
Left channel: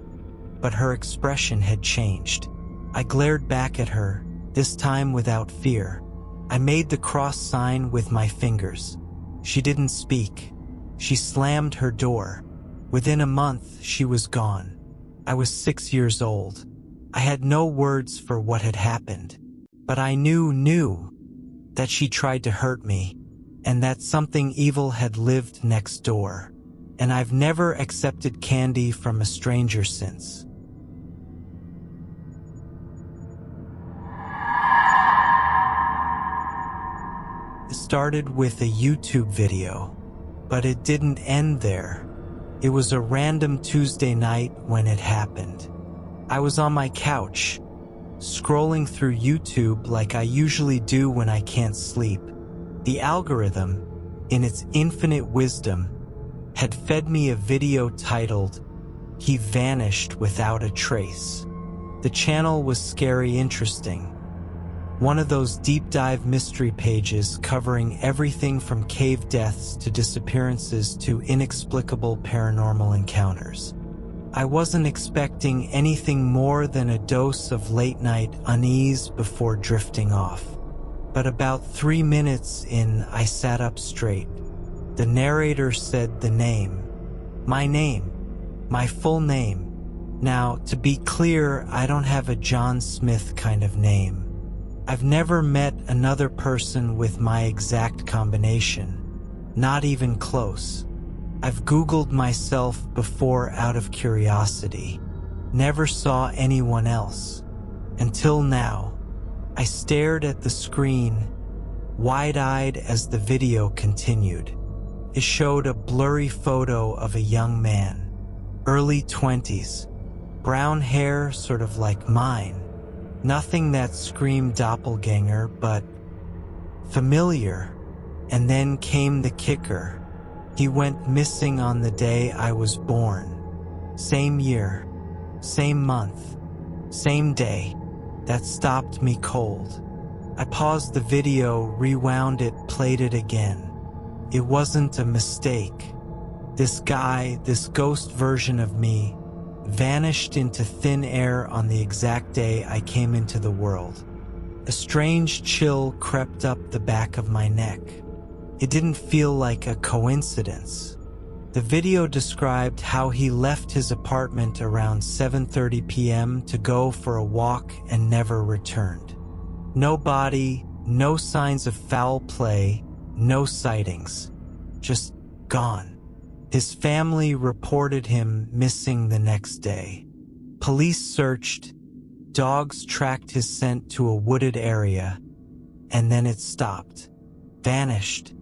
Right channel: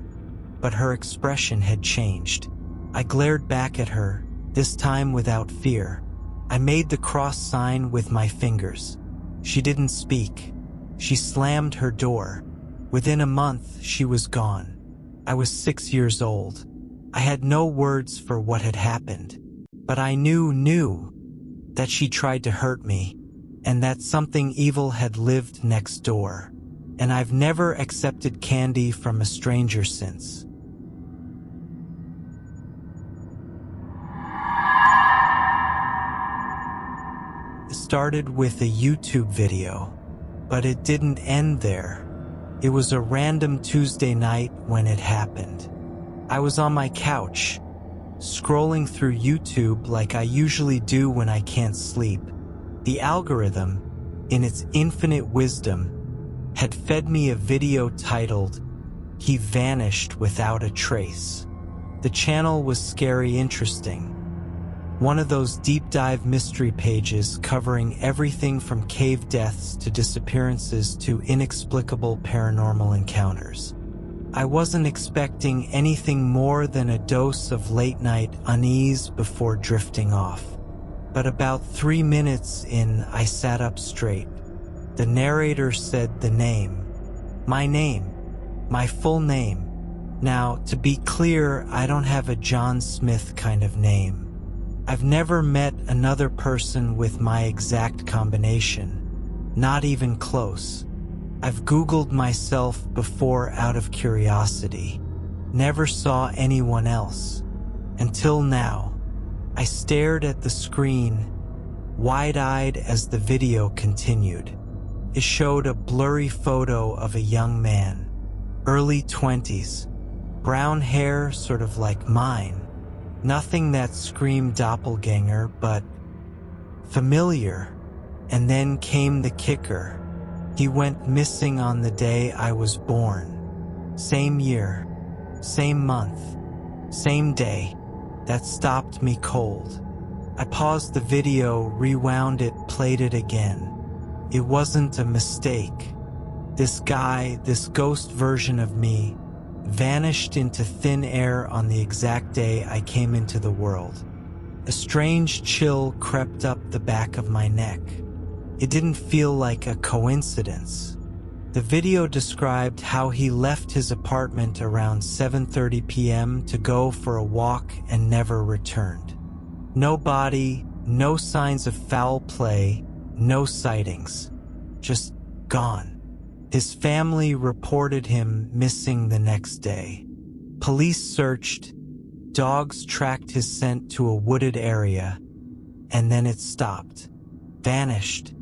but her expression had changed. I glared back at her, this time without fear. I made the cross sign with my fingers. She didn't speak. She slammed her door. Within a month, she was gone. I was 6 years old. I had no words for what had happened, but I knew that she tried to hurt me, and that something evil had lived next door. And I've never accepted candy from a stranger since. It started with a YouTube video, but it didn't end there. It was a random Tuesday night when it happened. I was on my couch, scrolling through YouTube like I usually do when I can't sleep. The algorithm, in its infinite wisdom, had fed me a video titled, "He Vanished Without a Trace." The channel was scary interesting. One of those deep dive mystery pages covering everything from cave deaths to disappearances to inexplicable paranormal encounters. I wasn't expecting anything more than a dose of late-night unease before drifting off. But about 3 minutes in, I sat up straight. The narrator said the name. My full name. Now, to be clear, I don't have a John Smith kind of name. I've never met another person with my exact combination. Not even close. I've Googled myself before out of curiosity. Never saw anyone else. Until now. I stared at the screen, wide-eyed as the video continued. It showed a blurry photo of a young man, early 20s, brown hair sort of like mine. Nothing that screamed doppelganger, but familiar. And then came the kicker. He went missing on the day I was born. Same year, same month, same day. That stopped me cold. I paused the video, rewound it, played it again. It wasn't a mistake. This guy, this ghost version of me, vanished into thin air on the exact day I came into the world. A strange chill crept up the back of my neck. It didn't feel like a coincidence. The video described how he left his apartment around 7:30 p.m. to go for a walk and never returned. No body, no signs of foul play, no sightings. Just gone. His family reported him missing the next day. Police searched, dogs tracked his scent to a wooded area, and then it stopped, vanished.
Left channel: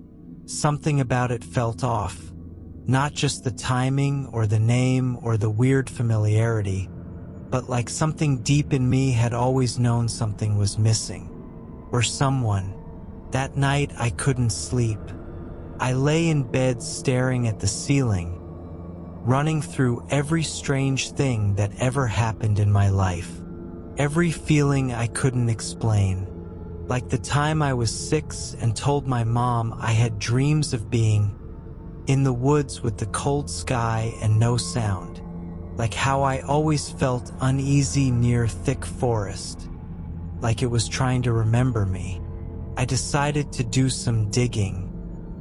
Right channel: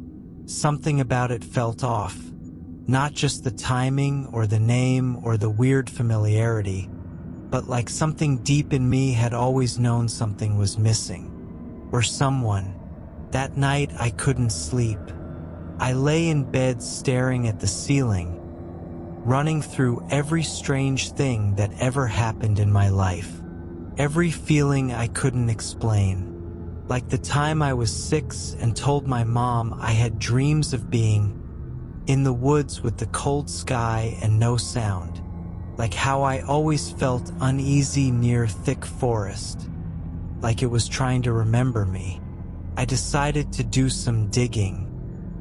Something about it felt off. Not just the timing or the name or the weird familiarity, but like something deep in me had always known something was missing. Or someone. That night I couldn't sleep. I lay in bed staring at the ceiling, running through every strange thing that ever happened in my life. Every feeling I couldn't explain. Like the time I was 6 and told my mom I had dreams of being in the woods with the cold sky and no sound. Like how I always felt uneasy near thick forest. Like it was trying to remember me. I decided to do some digging.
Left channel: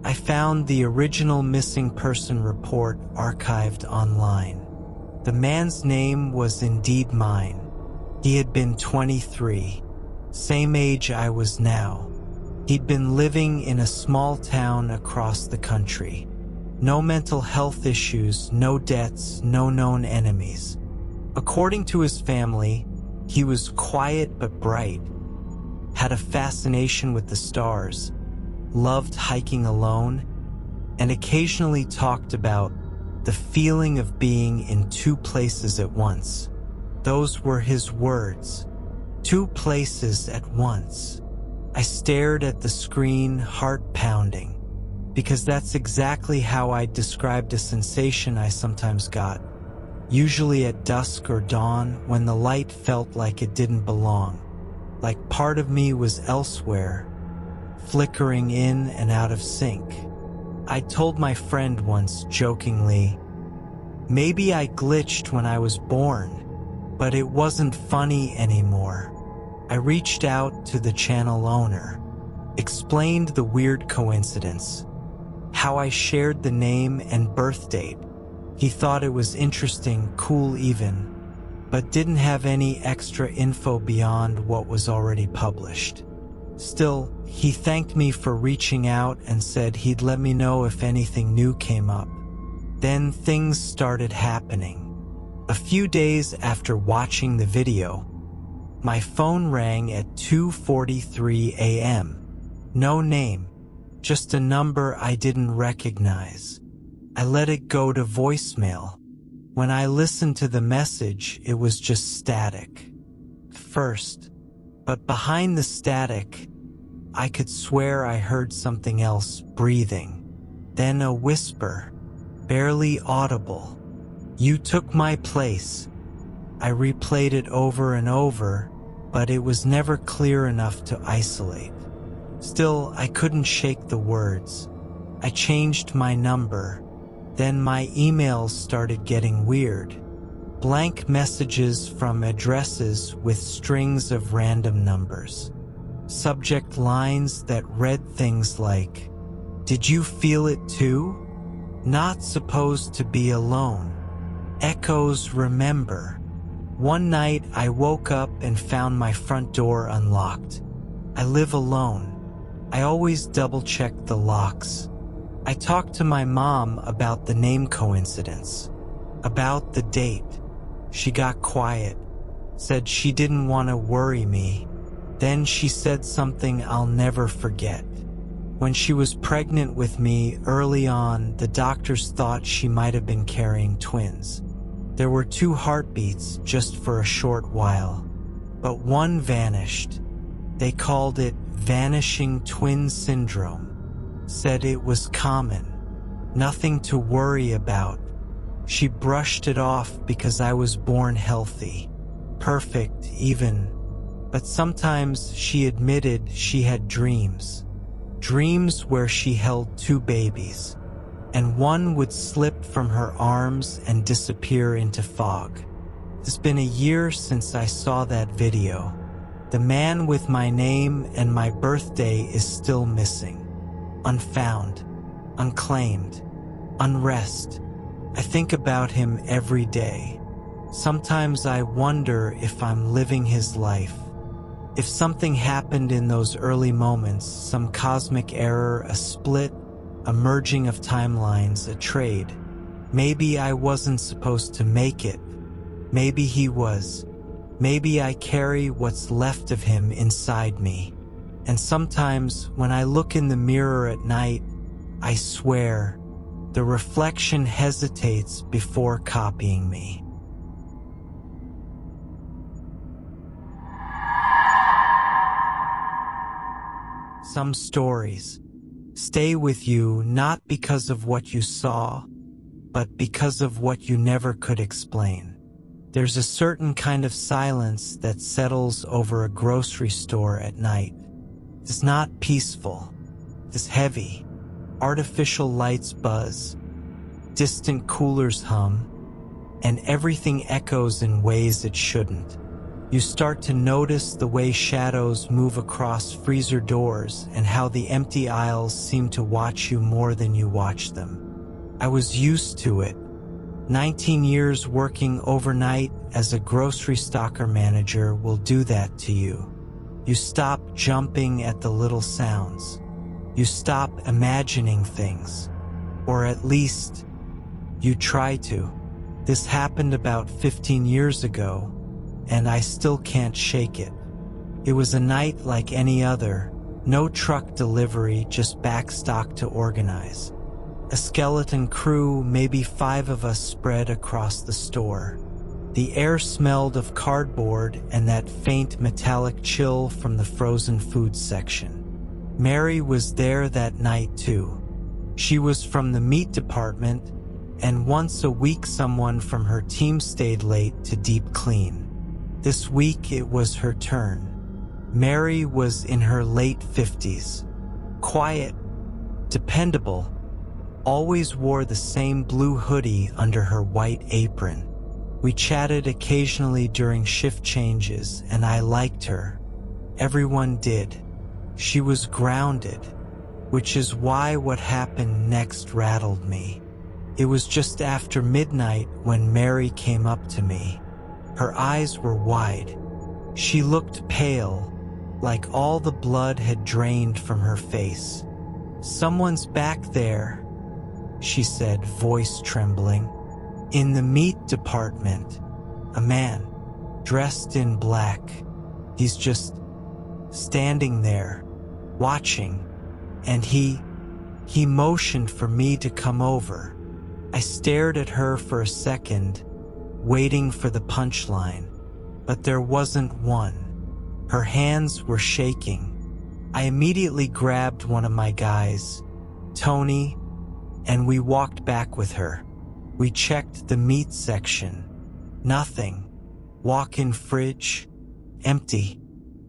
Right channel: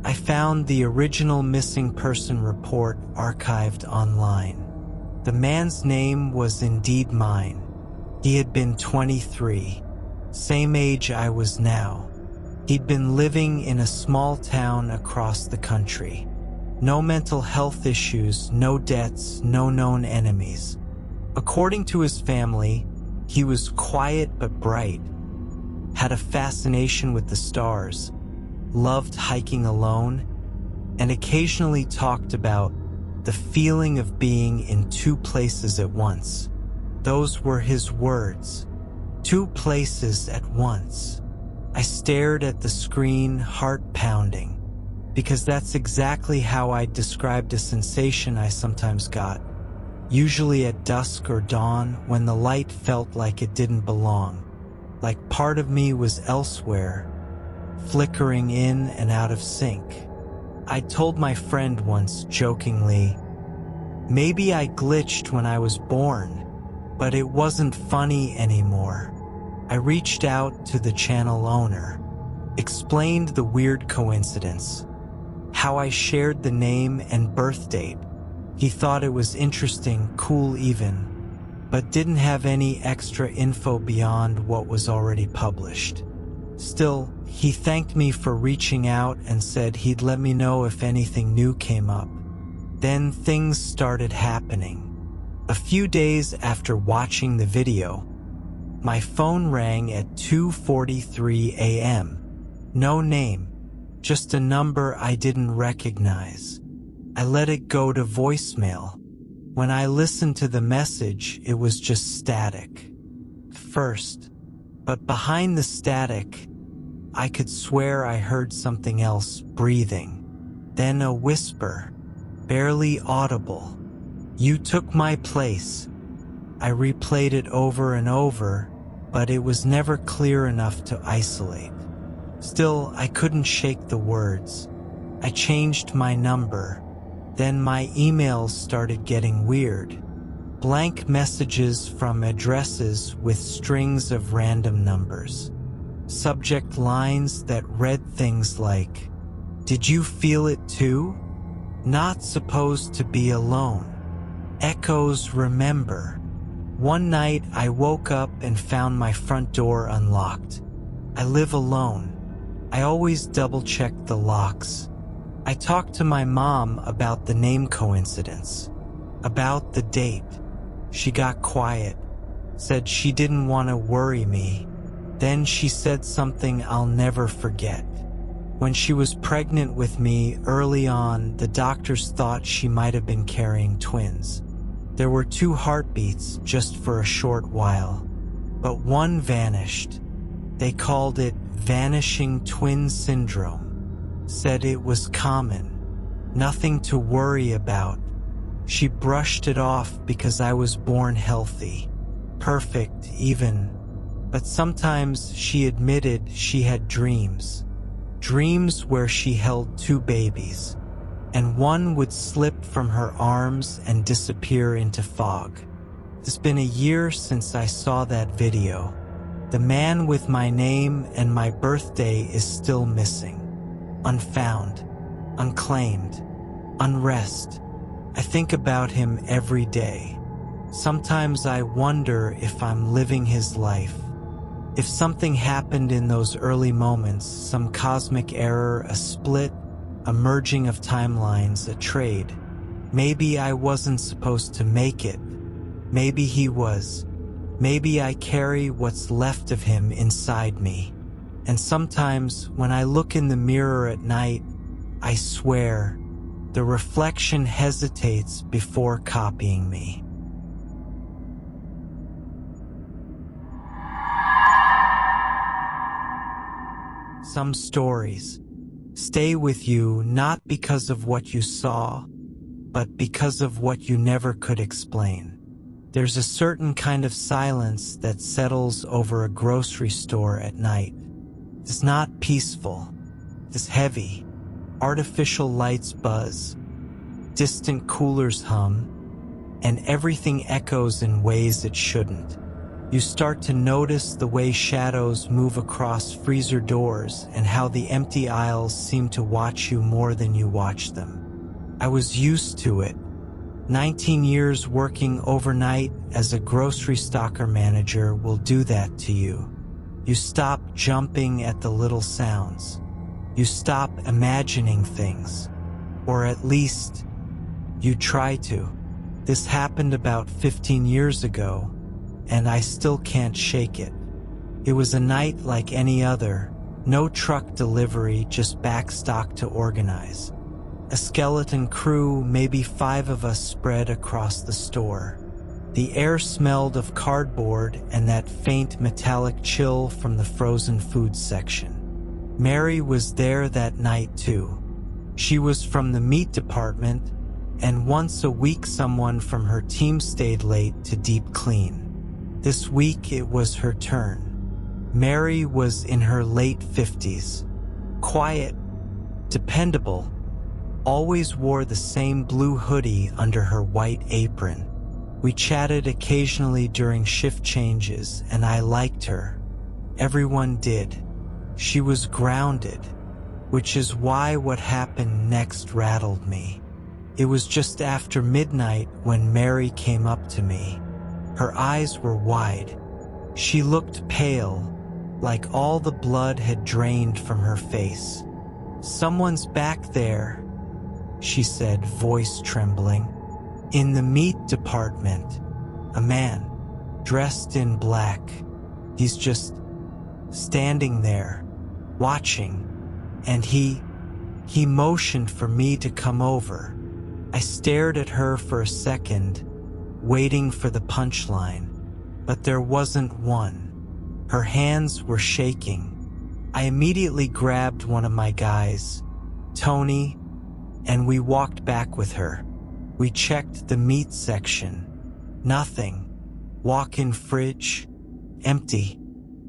I found the original missing person report archived online. The man's name was indeed mine. He had been 23, same age I was now. He'd been living in a small town across the country. No mental health issues, no debts, no known enemies. According to his family, he was quiet but bright, had a fascination with the stars, loved hiking alone, and occasionally talked about the feeling of being in 2 places at once. Those were his words. 2 places at once. I stared at the screen, heart pounding, because that's exactly how I described a sensation I sometimes got, usually at dusk or dawn when the light felt like it didn't belong, like part of me was elsewhere, flickering in and out of sync. I told my friend once jokingly, maybe I glitched when I was born, but it wasn't funny anymore. I reached out to the channel owner, explained the weird coincidence, how I shared the name and birth date. He thought it was interesting, cool even, but didn't have any extra info beyond what was already published. Still, he thanked me for reaching out and said he'd let me know if anything new came up. Then things started happening. A few days after watching the video, my phone rang at 2:43 a.m. No name, just a number I didn't recognize. I let it go to voicemail. When I listened to the message, it was just static. First, but behind the static, I could swear I heard something else breathing. Then a whisper, barely audible. You took my place. I replayed it over and over, but it was never clear enough to isolate. Still, I couldn't shake the words. I changed my number. Then my emails started getting weird. Blank messages from addresses with strings of random numbers. Subject lines that read things like, "Did you feel it too? Not supposed to be alone. Echoes remember." One night I woke up and found my front door unlocked. I live alone. I always double-check the locks. I talked to my mom about the name coincidence, about the date. She got quiet, said she didn't want to worry me. Then she said something I'll never forget. When she was pregnant with me early on, the doctors thought she might have been carrying twins. There were 2 heartbeats just for a short while, but one vanished. They called it vanishing twin syndrome. Said it was common, nothing to worry about. She brushed it off because I was born healthy, perfect even. But sometimes she admitted she had dreams. Dreams where she held 2 babies, and one would slip from her arms and disappear into fog. It's been a year since I saw that video. The man with my name and my birthday is still missing. Unfound, unclaimed, unrest. I think about him every day. Sometimes I wonder if I'm living his life. If something happened in those early moments, some cosmic error, a split, a merging of timelines, a trade. Maybe I wasn't supposed to make it. Maybe he was. Maybe I carry what's left of him inside me. And sometimes when I look in the mirror at night, I swear, the reflection hesitates before copying me. Some stories stay with you not because of what you saw, but because of what you never could explain. There's a certain kind of silence that settles over a grocery store at night. It's not peaceful. It's heavy. Artificial lights buzz. Distant coolers hum. And everything echoes in ways it shouldn't. You start to notice the way shadows move across freezer doors and how the empty aisles seem to watch you more than you watch them. I was used to it. 19 years working overnight as a grocery stocker manager will do that to you. You stop jumping at the little sounds. You stop imagining things. Or at least, you try to. This happened about 15 years ago, and I still can't shake it. It was a night like any other. No truck delivery, just backstock to organize. A skeleton crew, maybe 5 of us spread across the store. The air smelled of cardboard and that faint metallic chill from the frozen food section. Mary was there that night too. She was from the meat department, and once a week someone from her team stayed late to deep clean. This week it was her turn. Mary was in her late 50s. Quiet, dependable, always wore the same blue hoodie under her white apron. We chatted occasionally during shift changes, and I liked her. Everyone did. She was grounded, which is why what happened next rattled me. It was just after midnight when Mary came up to me. Her eyes were wide. She looked pale, like all the blood had drained from her face. "Someone's back there," she said, voice trembling. "In the meat department. A man, dressed in black. He's just standing there, watching. And he motioned for me to come over." I stared at her for a second, waiting for the punchline, but there wasn't one. Her hands were shaking. I immediately grabbed one of my guys, Tony, and we walked back with her. We checked the meat section. Nothing. Walk-in fridge, empty.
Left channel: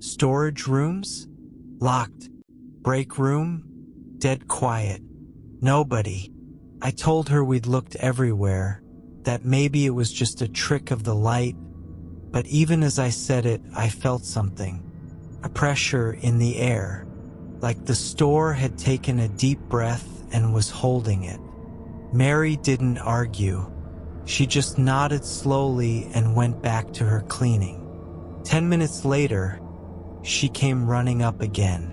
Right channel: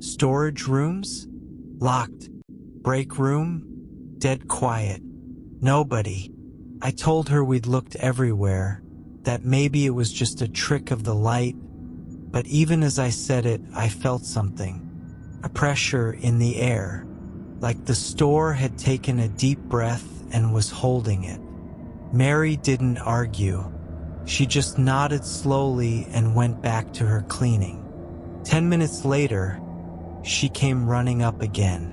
Storage rooms, locked. Break room, dead quiet. Nobody. I told her we'd looked everywhere, that maybe it was just a trick of the light, but even as I said it, I felt something. A pressure in the air, like the store had taken a deep breath and was holding it. Mary didn't argue. She just nodded slowly and went back to her cleaning. 10 minutes later, she came running up again.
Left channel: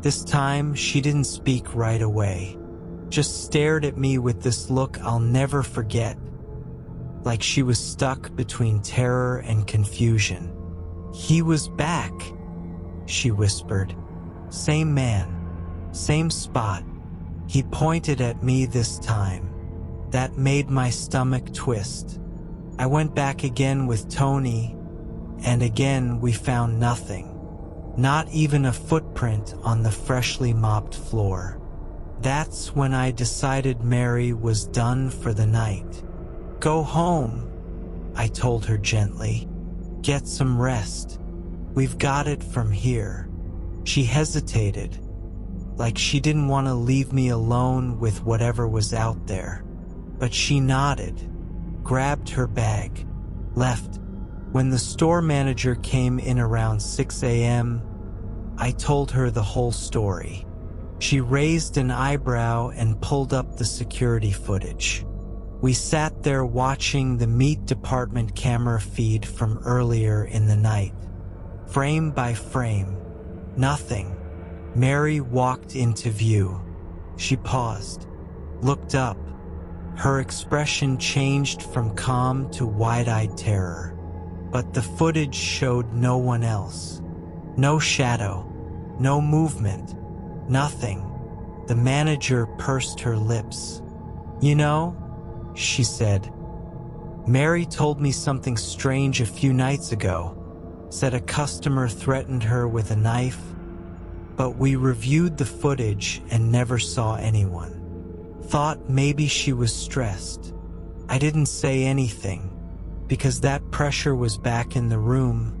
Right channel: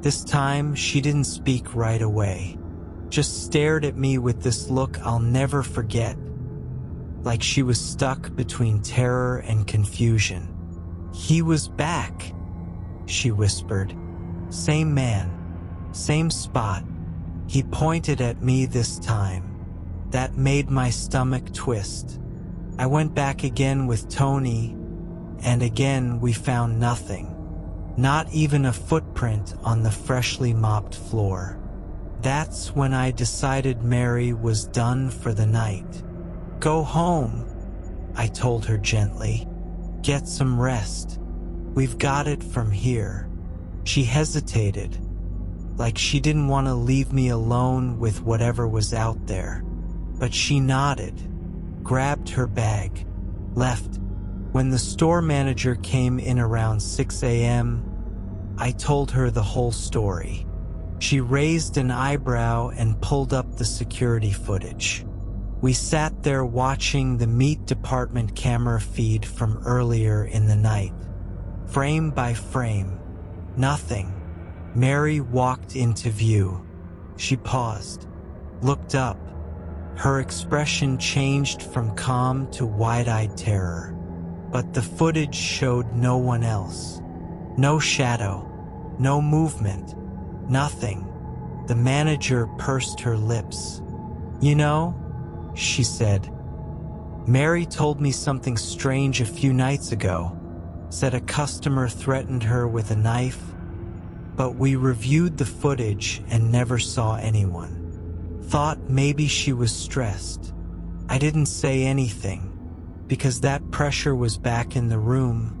This time, she didn't speak right away. Just stared at me with this look I'll never forget. Like she was stuck between terror and confusion. "He was back," she whispered. "Same man, same spot." He pointed at me this time. That made my stomach twist. I went back again with Tony, and again we found nothing. Not even a footprint on the freshly mopped floor. That's when I decided Mary was done for the night. "Go home," I told her gently. "Get some rest. We've got it from here." She hesitated, like she didn't want to leave me alone with whatever was out there. But she nodded, grabbed her bag, left. When the store manager came in around 6 a.m., I told her the whole story. She raised an eyebrow and pulled up the security footage. We sat there watching the meat department camera feed from earlier in the night. Frame by frame, nothing. Mary walked into view. She paused, looked up, Her expression changed from calm to wide-eyed terror. But the footage showed no one else. No shadow, no movement, nothing. The manager pursed her lips. "You know," she said, "Mary told me something strange a few nights ago. Said a customer threatened her with a knife, but we reviewed the footage and never saw anyone. Thought maybe she was stressed. I didn't say anything, because that pressure was back in the room,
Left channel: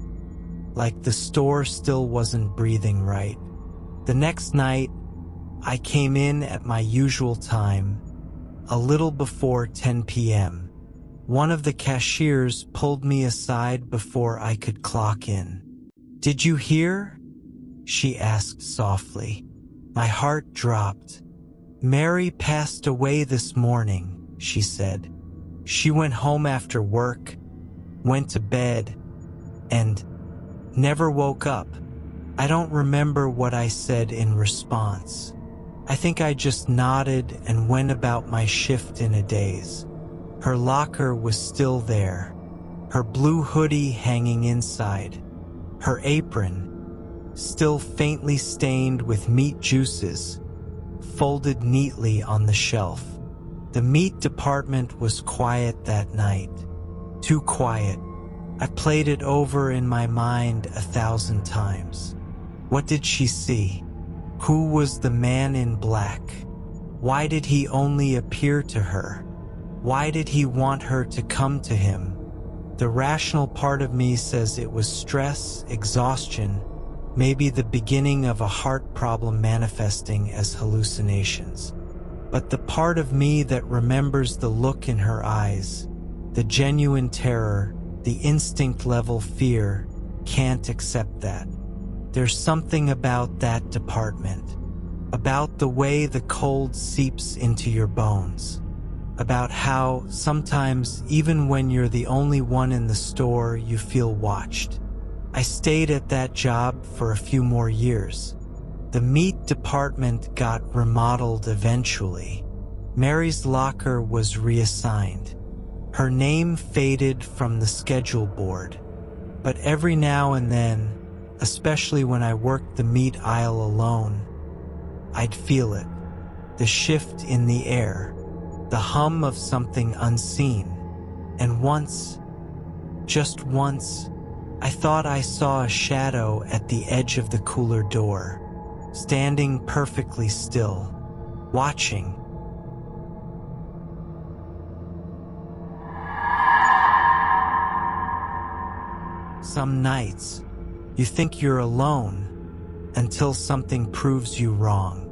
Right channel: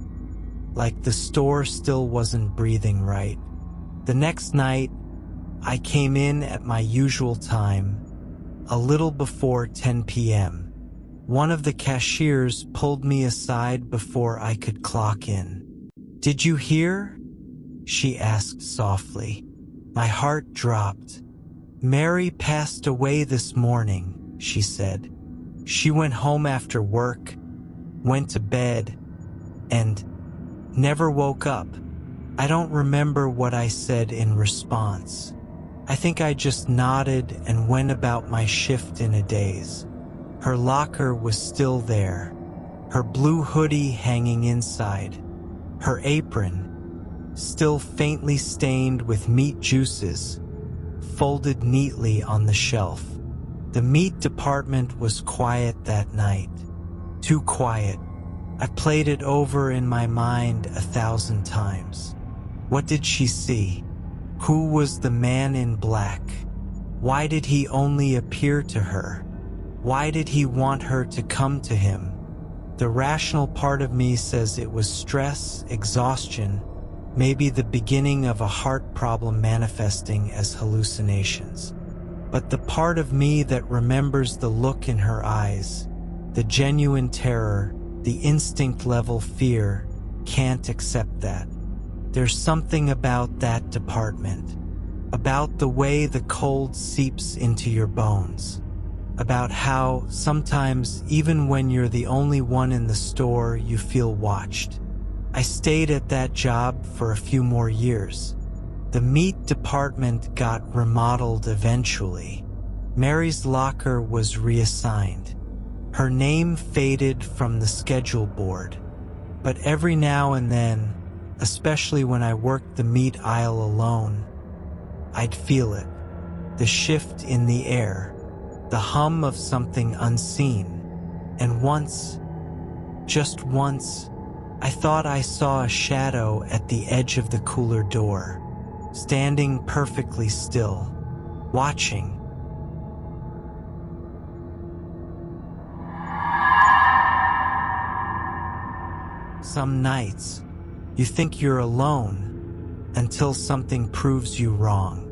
like the store still wasn't breathing right. The next night, I came in at my usual time, a little before 10 p.m. One of the cashiers pulled me aside before I could clock in. "Did you hear?" she asked softly. My heart dropped. "Mary passed away this morning," she said. "She went home after work, went to bed, and never woke up." I don't remember what I said in response. I think I just nodded and went about my shift in a daze. Her locker was still there, her blue hoodie hanging inside, her apron, still faintly stained with meat juices, folded neatly on the shelf. The meat department was quiet that night. Too quiet. I played it over in my mind 1,000 times. What did she see? Who was the man in black? Why did he only appear to her? Why did he want her to come to him? The rational part of me says it was stress, exhaustion, maybe the beginning of a heart problem manifesting as hallucinations. But the part of me that remembers the look in her eyes, the genuine terror, the instinct-level fear, can't accept that. There's something about that department, about the way the cold seeps into your bones, about how sometimes even when you're the only one in the store, you feel watched. I stayed at that job for a few more years. The meat department got remodeled eventually. Mary's locker was reassigned. Her name faded from the schedule board. But every now and then, especially when I worked the meat aisle alone, I'd feel it. The shift in the air, the hum of something unseen. And once, just once, I thought I saw a shadow at the edge of the cooler door, standing perfectly still, watching. Some nights, you think you're alone until something proves you wrong.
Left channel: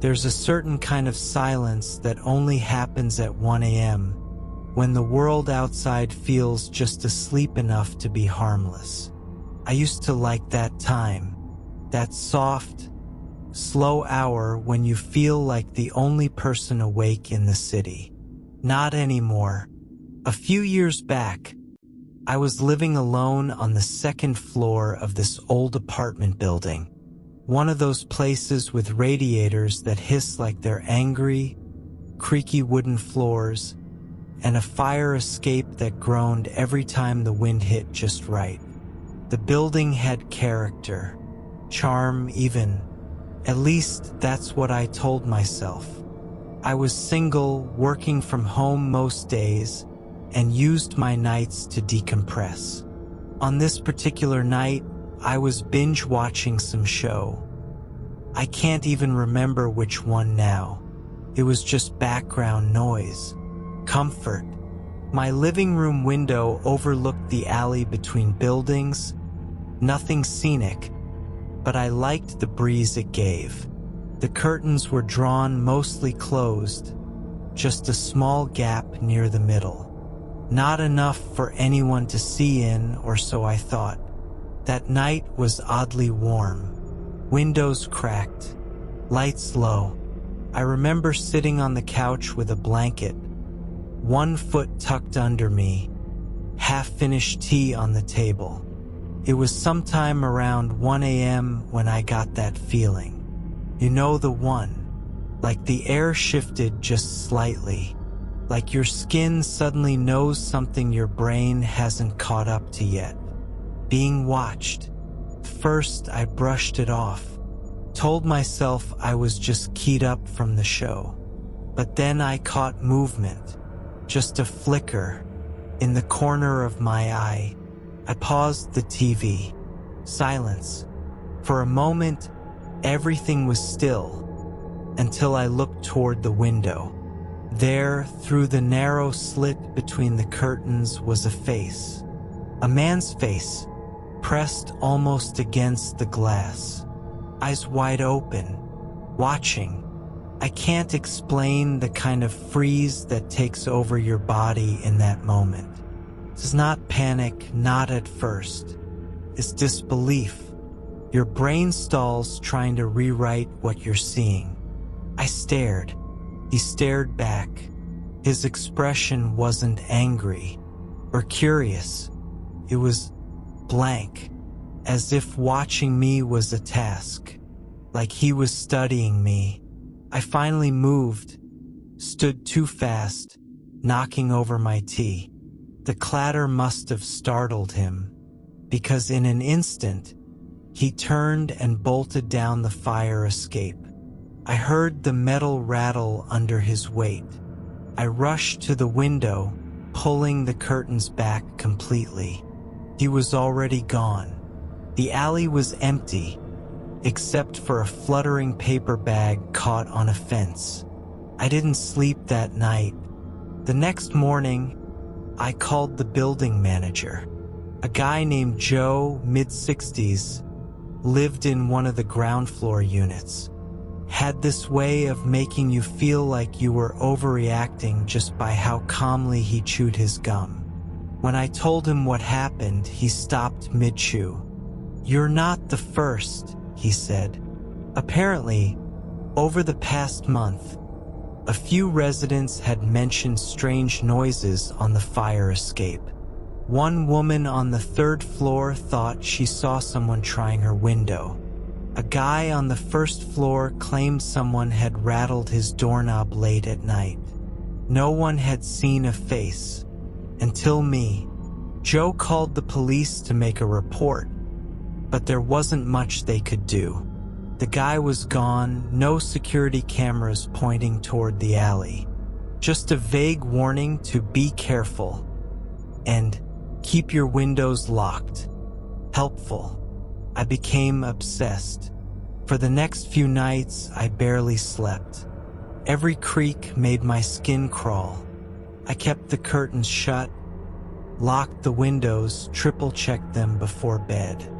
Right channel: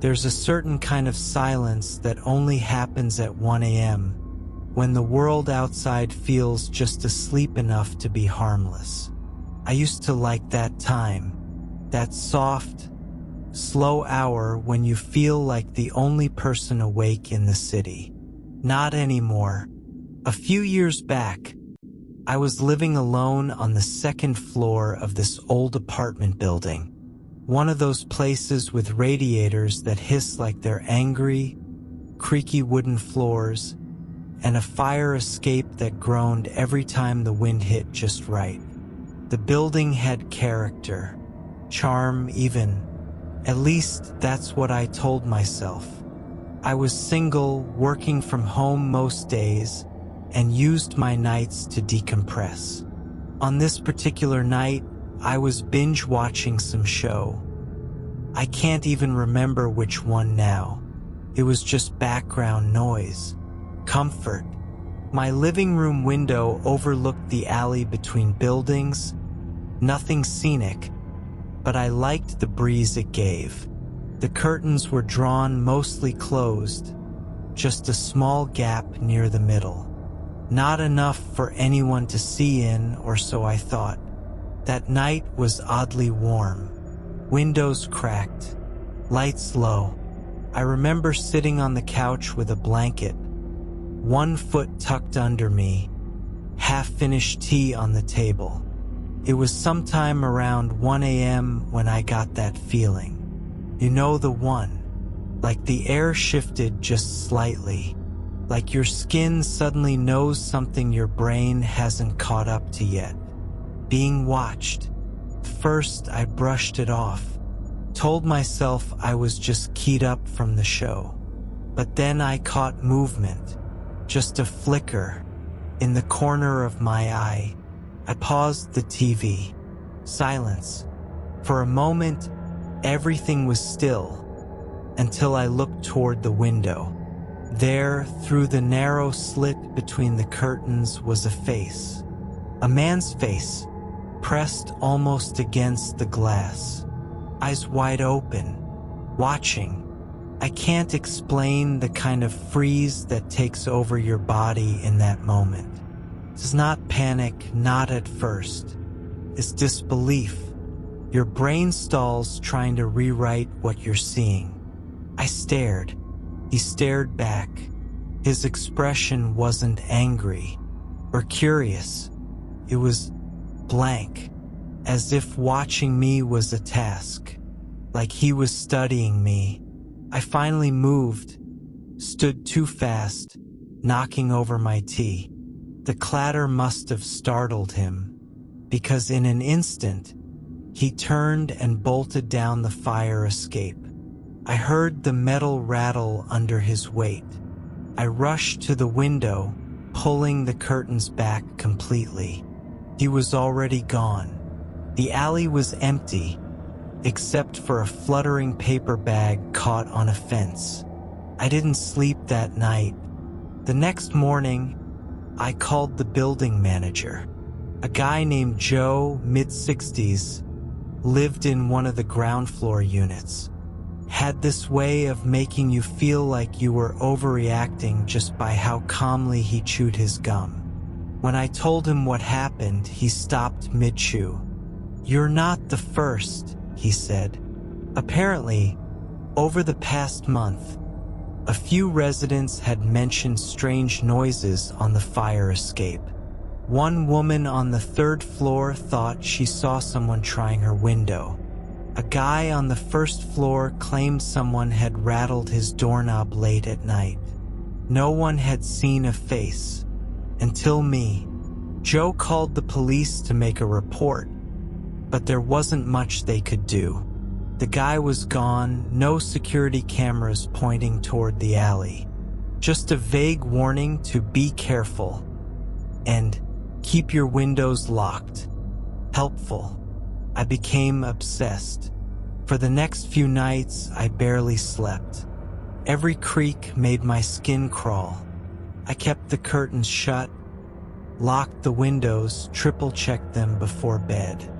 There's a certain kind of silence that only happens at 1 a.m. when the world outside feels just asleep enough to be harmless. I used to like that time, that soft, slow hour when you feel like the only person awake in the city. Not anymore. A few years back, I was living alone on the second floor of this old apartment building. One of those places with radiators that hiss like they're angry, creaky wooden floors, and a fire escape that groaned every time the wind hit just right. The building had character, charm even. At least that's what I told myself. I was single, working from home most days, and used my nights to decompress. On this particular night, I was binge-watching some show. I can't even remember which one now. It was just background noise. Comfort. My living room window overlooked the alley between buildings. Nothing scenic, but I liked the breeze it gave. The curtains were drawn mostly closed, just a small gap near the middle. Not enough for anyone to see in, or so I thought. That night was oddly warm. Windows cracked, lights low. I remember sitting on the couch with a blanket, one foot tucked under me, half-finished tea on the table. It was sometime around 1 a.m. when I got that feeling. You know the one, like the air shifted just slightly, like your skin suddenly knows something your brain hasn't caught up to yet. Being watched. First, I brushed it off, told myself I was just keyed up from the show. But then I caught movement, just a flicker, in the corner of my eye. I paused the TV. Silence. For a moment, everything was still, until I looked toward the window. There, through the narrow slit between the curtains, was a face. A man's face, pressed almost against the glass. Eyes wide open, watching. I can't explain the kind of freeze that takes over your body in that moment. It's not panic, not at first. It's disbelief. Your brain stalls trying to rewrite what you're seeing. I stared. He stared back. His expression wasn't angry or curious. It was blank, as if watching me was a task, like he was studying me. I finally moved, stood too fast, knocking over my tea. The clatter must have startled him, because in an instant, he turned and bolted down the fire escape. I heard the metal rattle under his weight. I rushed to the window, pulling the curtains back completely. He was already gone. The alley was empty, except for a fluttering paper bag caught on a fence. I didn't sleep that night. The next morning, I called the building manager. A guy named Joe, mid-60s, lived in one of the ground floor units. Had this way of making you feel like you were overreacting just by how calmly he chewed his gum. When I told him what happened, he stopped mid-chew. "You're not the first," he said. Apparently, over the past month, a few residents had mentioned strange noises on the fire escape. One woman on the third floor thought she saw someone trying her window. A guy on the first floor claimed someone had rattled his doorknob late at night. No one had seen a face. Until me. Joe called the police to make a report, but there wasn't much they could do. The guy was gone, no security cameras pointing toward the alley. Just a vague warning to be careful and keep your windows locked. Helpful. I became obsessed. For the next few nights, I barely slept. Every creak made my skin crawl. I kept the curtains shut, locked the windows, triple-checked them before bed.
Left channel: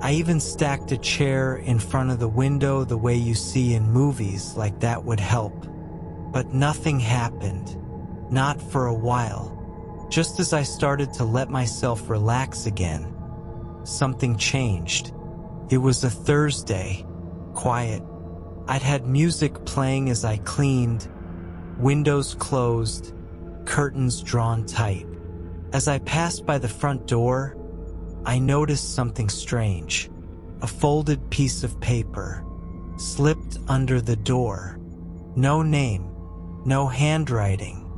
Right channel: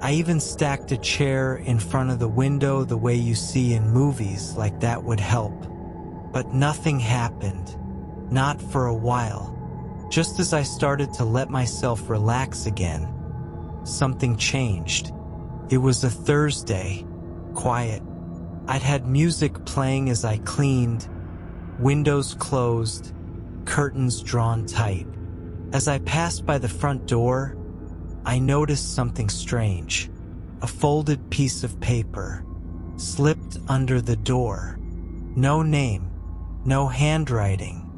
I even stacked a chair in front of the window the way you see in movies, like that would help. But nothing happened. Not for a while. Just as I started to let myself relax again, something changed. It was a Thursday. Quiet. I'd had music playing as I cleaned, windows closed, curtains drawn tight. As I passed by the front door, I noticed something strange. A folded piece of paper slipped under the door. No name, no handwriting,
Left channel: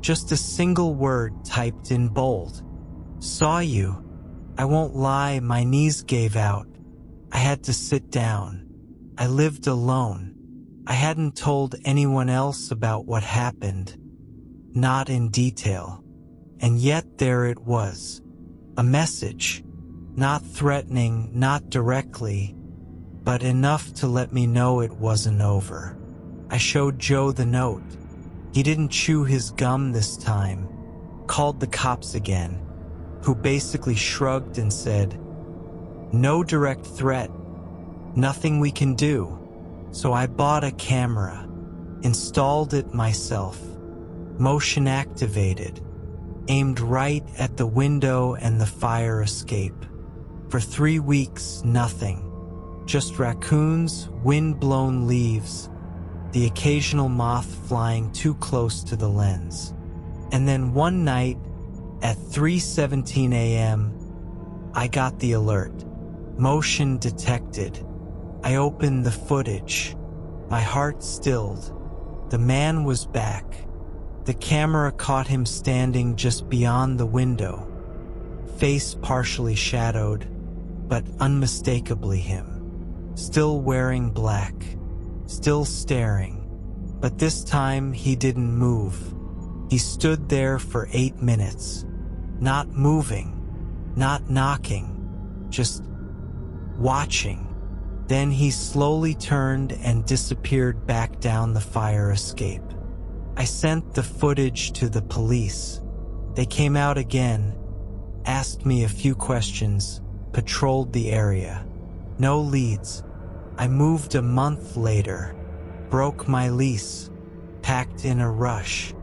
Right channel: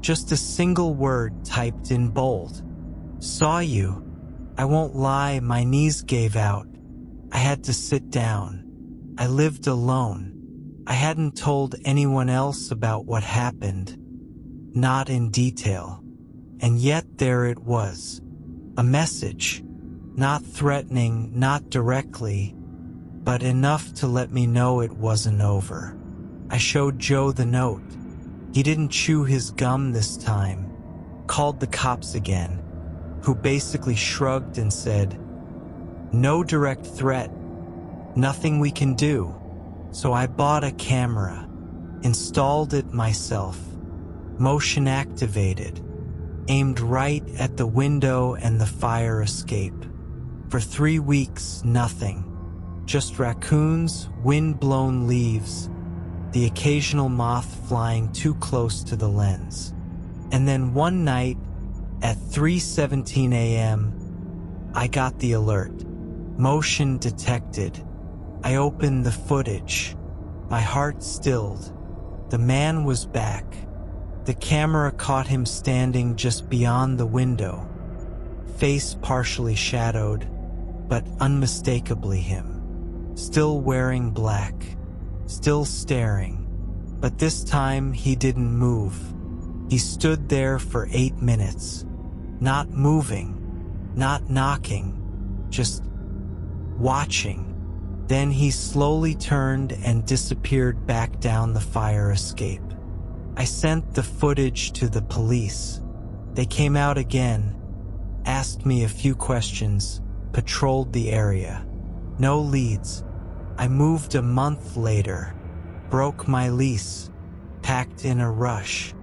just a single word typed in bold. "Saw you." I won't lie, my knees gave out. I had to sit down. I lived alone. I hadn't told anyone else about what happened. Not in detail. And yet there it was. A message. Not threatening, not directly, but enough to let me know it wasn't over. I showed Joe the note. He didn't chew his gum this time. Called the cops again, who basically shrugged and said, "No direct threat. Nothing we can do." So I bought a camera, installed it myself, motion activated, aimed right at the window and the fire escape. For 3 weeks, nothing. Just raccoons, wind-blown leaves, the occasional moth flying too close to the lens. And then one night, at 3:17 a.m., I got the alert. Motion detected. I opened the footage. My heart stilled. The man was back. The camera caught him standing just beyond the window, face partially shadowed, but unmistakably him. Still wearing black, still staring, but this time he didn't move. He stood there for 8 minutes, not moving, not knocking, just watching. Then he slowly turned and disappeared back down the fire escape. I sent the footage to the police. They came out again, asked me a few questions, patrolled the area. No leads. I moved a month later, broke my lease, packed in a rush,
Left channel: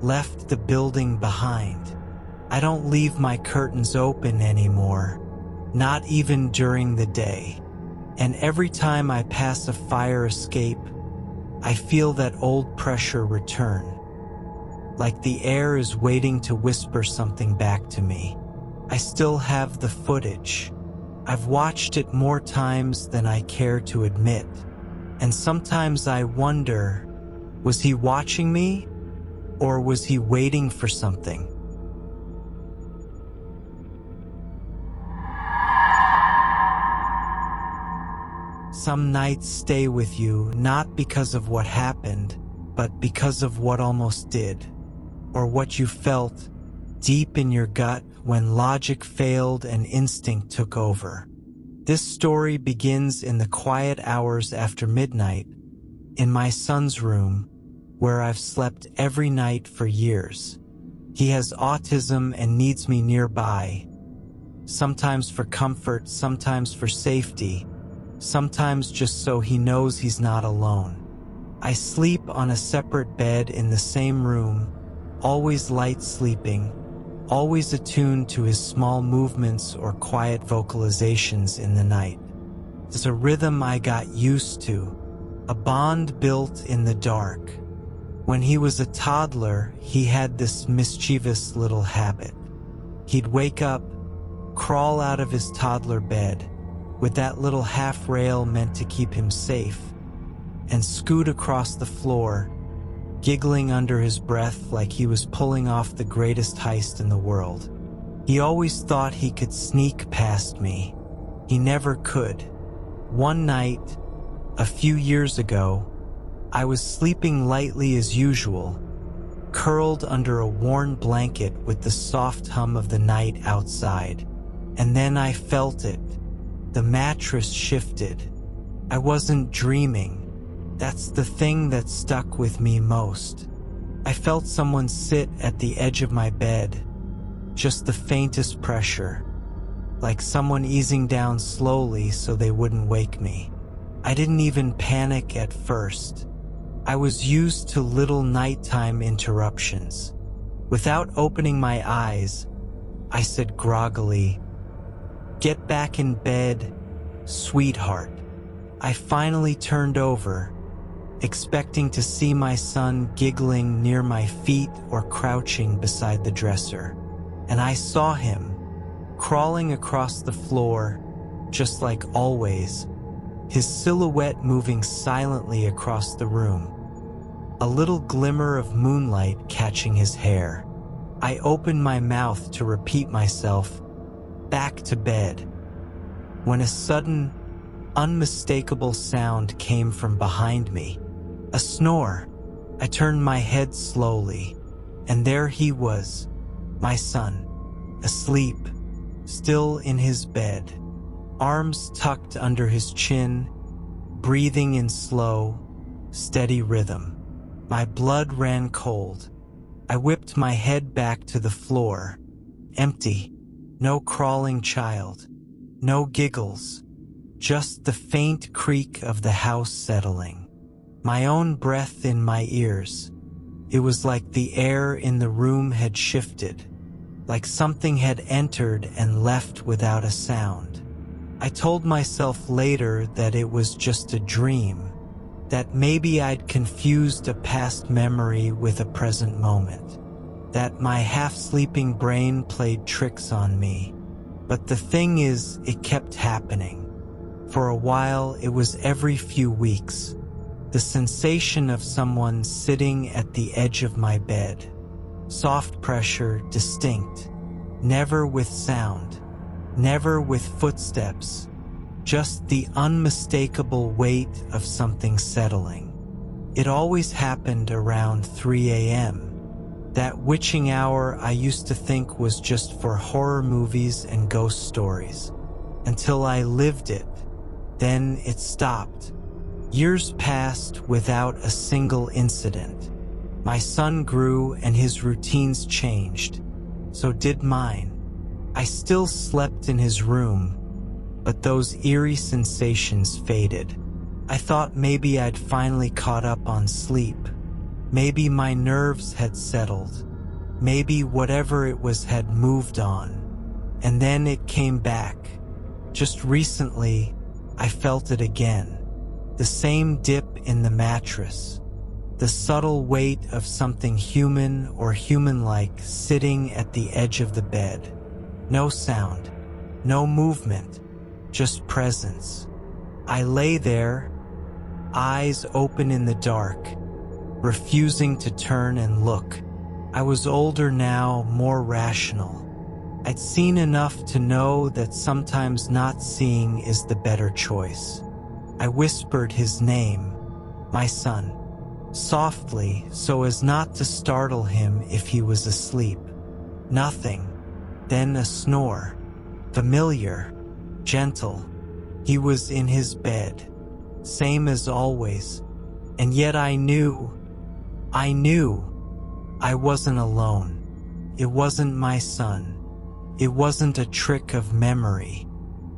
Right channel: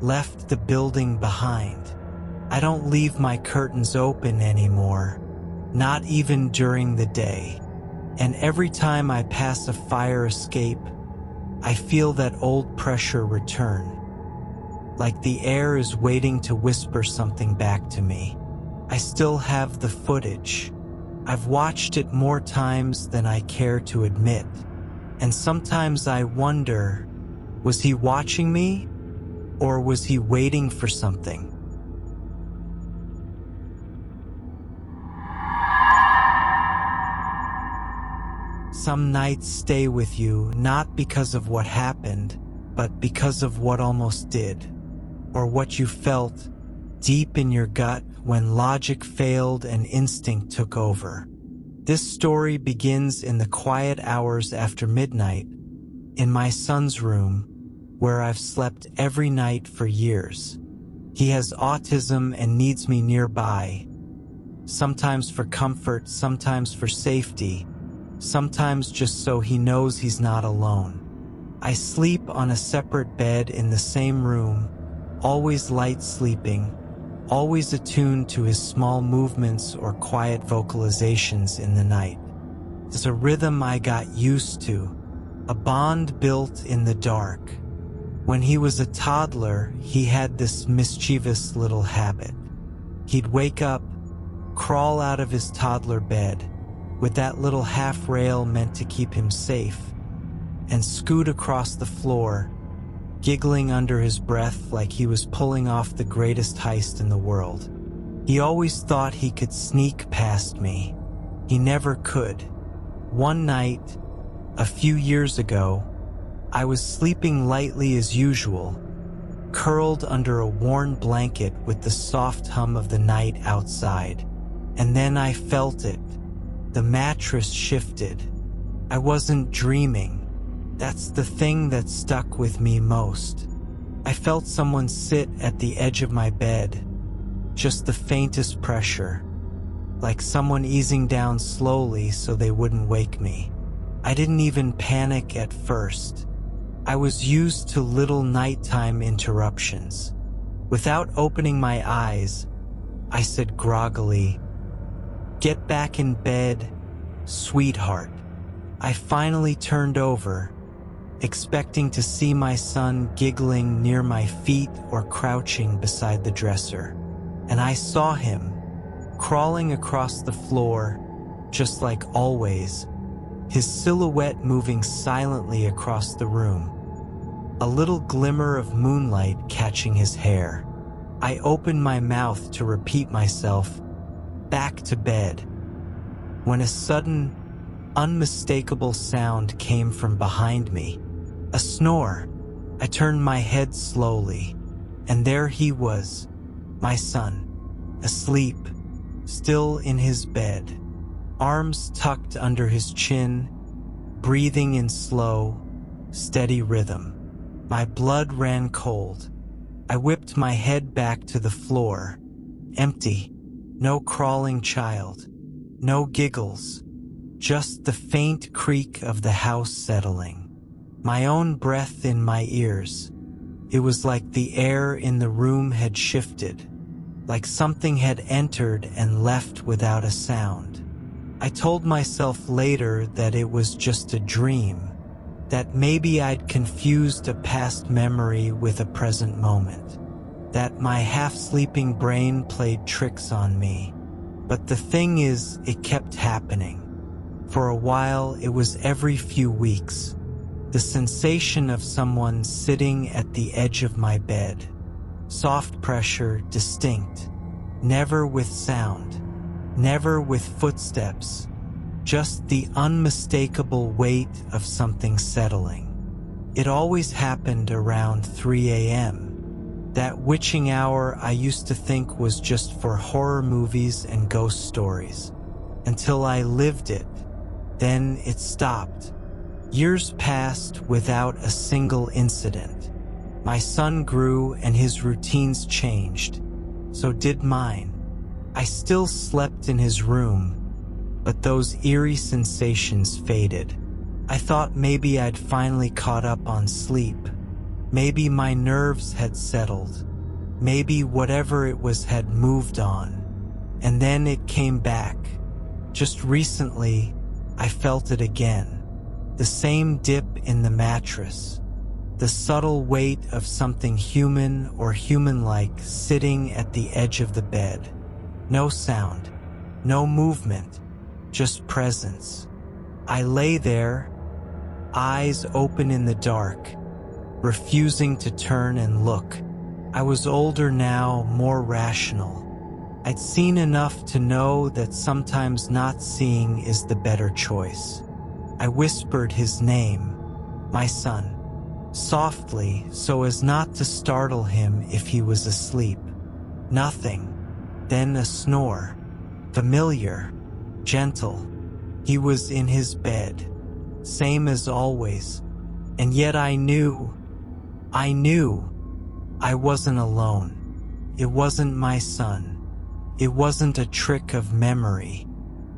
left the building behind. I don't leave my curtains open anymore, not even during the day. And every time I pass a fire escape, I feel that old pressure return, like the air is waiting to whisper something back to me. I still have the footage. I've watched it more times than I care to admit, and sometimes I wonder, was he watching me, or was he waiting for something? Some nights stay with you not because of what happened, but because of what almost did, or what you felt deep in your gut when logic failed and instinct took over. This story begins in the quiet hours after midnight, in my son's room, where I've slept every night for years. He has autism and needs me nearby, sometimes for comfort, sometimes for safety, sometimes just so he knows he's not alone. I sleep on a separate bed in the same room, always light sleeping, always attuned to his small movements or quiet vocalizations in the night. There's a rhythm I got used to, a bond built in the dark. When he was a toddler, he had this mischievous little habit. He'd wake up, crawl out of his toddler bed, with that little half rail meant to keep him safe, and scoot across the floor, giggling under his breath like he was pulling off the greatest heist in the world. He always thought he could sneak past me. He never could. One night, a few years ago, I was sleeping lightly as usual, curled under a worn blanket with the soft hum of the night outside, and then I felt it. The mattress shifted. I wasn't dreaming. That's the thing that stuck with me most. I felt someone sit at the edge of my bed, just the faintest pressure, like someone easing down slowly so they wouldn't wake me. I didn't even panic at first. I was used to little nighttime interruptions. Without opening my eyes, I said groggily, "Get back in bed, sweetheart." I finally turned over, expecting to see my son giggling near my feet or crouching beside the dresser. And I saw him, crawling across the floor, just like always, his silhouette moving silently across the room, a little glimmer of moonlight catching his hair. I opened my mouth to repeat myself, "Back to bed," when a sudden, unmistakable sound came from behind me. A snore. I turned my head slowly, and there he was, my son, asleep, still in his bed, arms tucked under his chin, breathing in slow, steady rhythm. My blood ran cold. I whipped my head back to the floor. Empty. No crawling child. No giggles. Just the faint creak of the house settling. My own breath in my ears. It was like the air in the room had shifted, like something had entered and left without a sound. I told myself later that it was just a dream, that maybe I'd confused a past memory with a present moment, that my half-sleeping brain played tricks on me. But the thing is, it kept happening. For a while, it was every few weeks. The sensation of someone sitting at the edge of my bed. Soft pressure, distinct. Never with sound. Never with footsteps. Just the unmistakable weight of something settling. It always happened around 3 a.m. That witching hour I used to think was just for horror movies and ghost stories. Until I lived it. Then it stopped. Years passed without a single incident. My son grew and his routines changed. So did mine. I still slept in his room, but those eerie sensations faded. I thought maybe I'd finally caught up on sleep. Maybe my nerves had settled. Maybe whatever it was had moved on. And then it came back. Just recently, I felt it again. The same dip in the mattress. The subtle weight of something human or human-like sitting at the edge of the bed. No sound. No movement. Just presence. I lay there, eyes open in the dark, refusing to turn and look. I was older now, more rational. I'd seen enough to know that sometimes not seeing is the better choice. I whispered his name, my son, softly so as not to startle him if he was asleep. Nothing. Then a snore. Familiar. Gentle. He was in his bed. Same as always. And yet I knew I wasn't alone. It wasn't my son. It wasn't a trick of memory.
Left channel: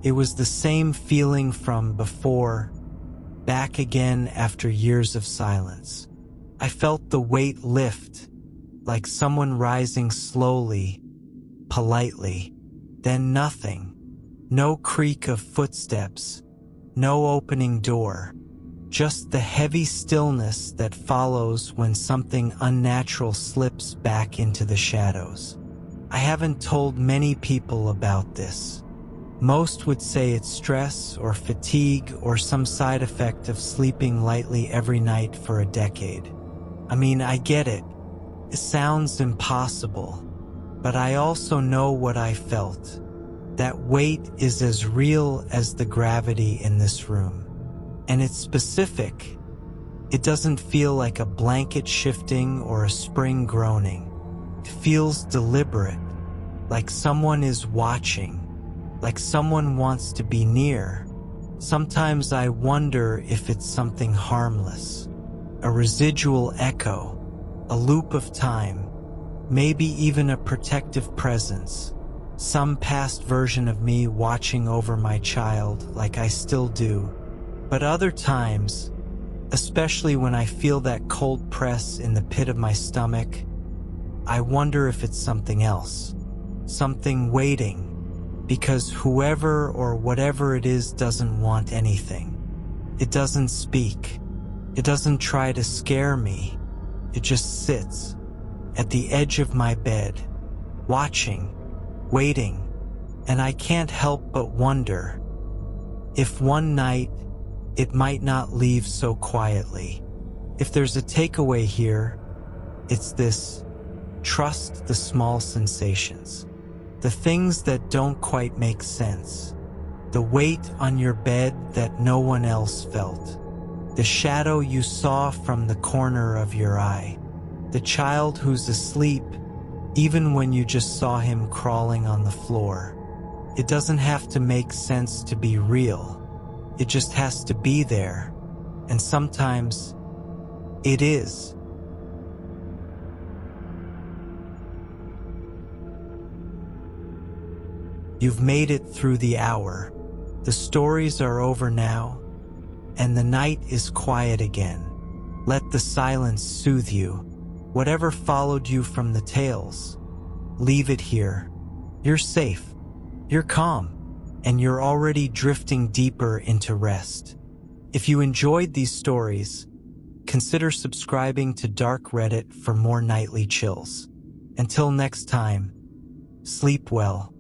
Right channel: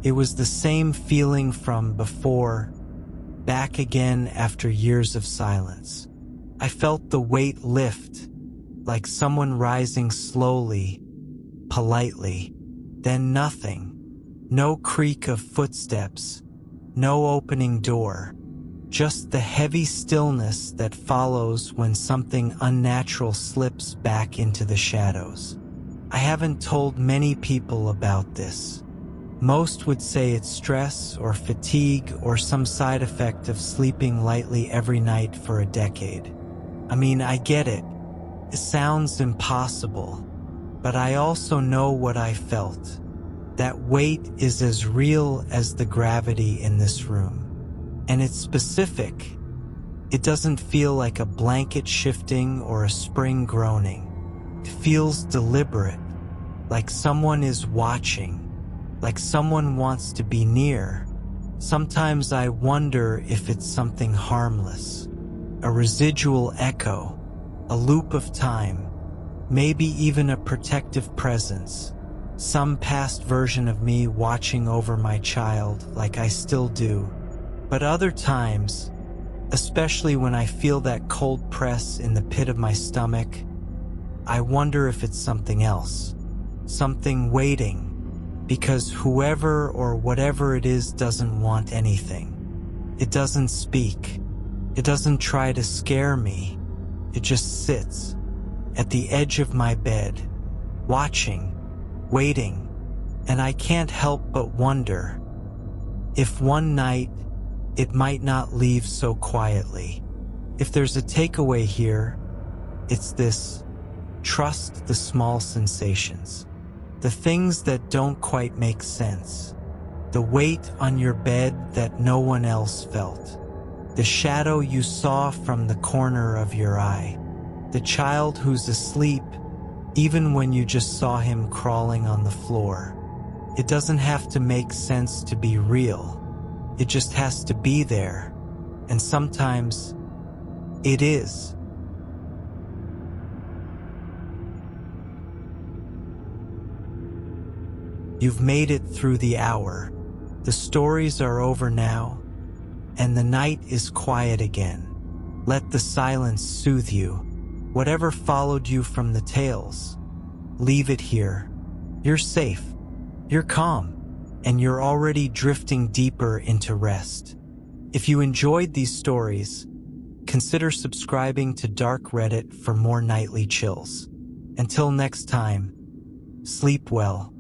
It was the same feeling from before, back again after years of silence. I felt the weight lift, like someone rising slowly, politely. Then nothing. No creak of footsteps. No opening door. Just the heavy stillness that follows when something unnatural slips back into the shadows. I haven't told many people about this. Most would say it's stress or fatigue or some side effect of sleeping lightly every night for a decade. I mean, I get it. It sounds impossible. But I also know what I felt. That weight is as real as the gravity in this room. And it's specific. It doesn't feel like a blanket shifting or a spring groaning. It feels deliberate, like someone is watching, like someone wants to be near. Sometimes I wonder if it's something harmless, a residual echo, a loop of time, maybe even a protective presence, some past version of me watching over my child like I still do. But other times, especially when I feel that cold press in the pit of my stomach, I wonder if it's something else, something waiting, because whoever or whatever it is doesn't want anything. It doesn't speak. It doesn't try to scare me. It just sits at the edge of my bed, watching, waiting, and I can't help but wonder if one night it might not leave so quietly. If there's a takeaway here, it's this: trust the small sensations, the things that don't quite make sense, the weight on your bed that no one else felt, the shadow you saw from the corner of your eye, the child who's asleep even when you just saw him crawling on the floor. It doesn't have to make sense to be real. It just has to be there. And sometimes it is. You've made it through the hour. The stories are over now, and the night is quiet again. Let the silence soothe you. Whatever followed you from the tales, leave it here. You're safe. You're calm. And you're already drifting deeper into rest. If you enjoyed these stories, consider subscribing to Dark Reddit for more nightly chills. Until next time, sleep well.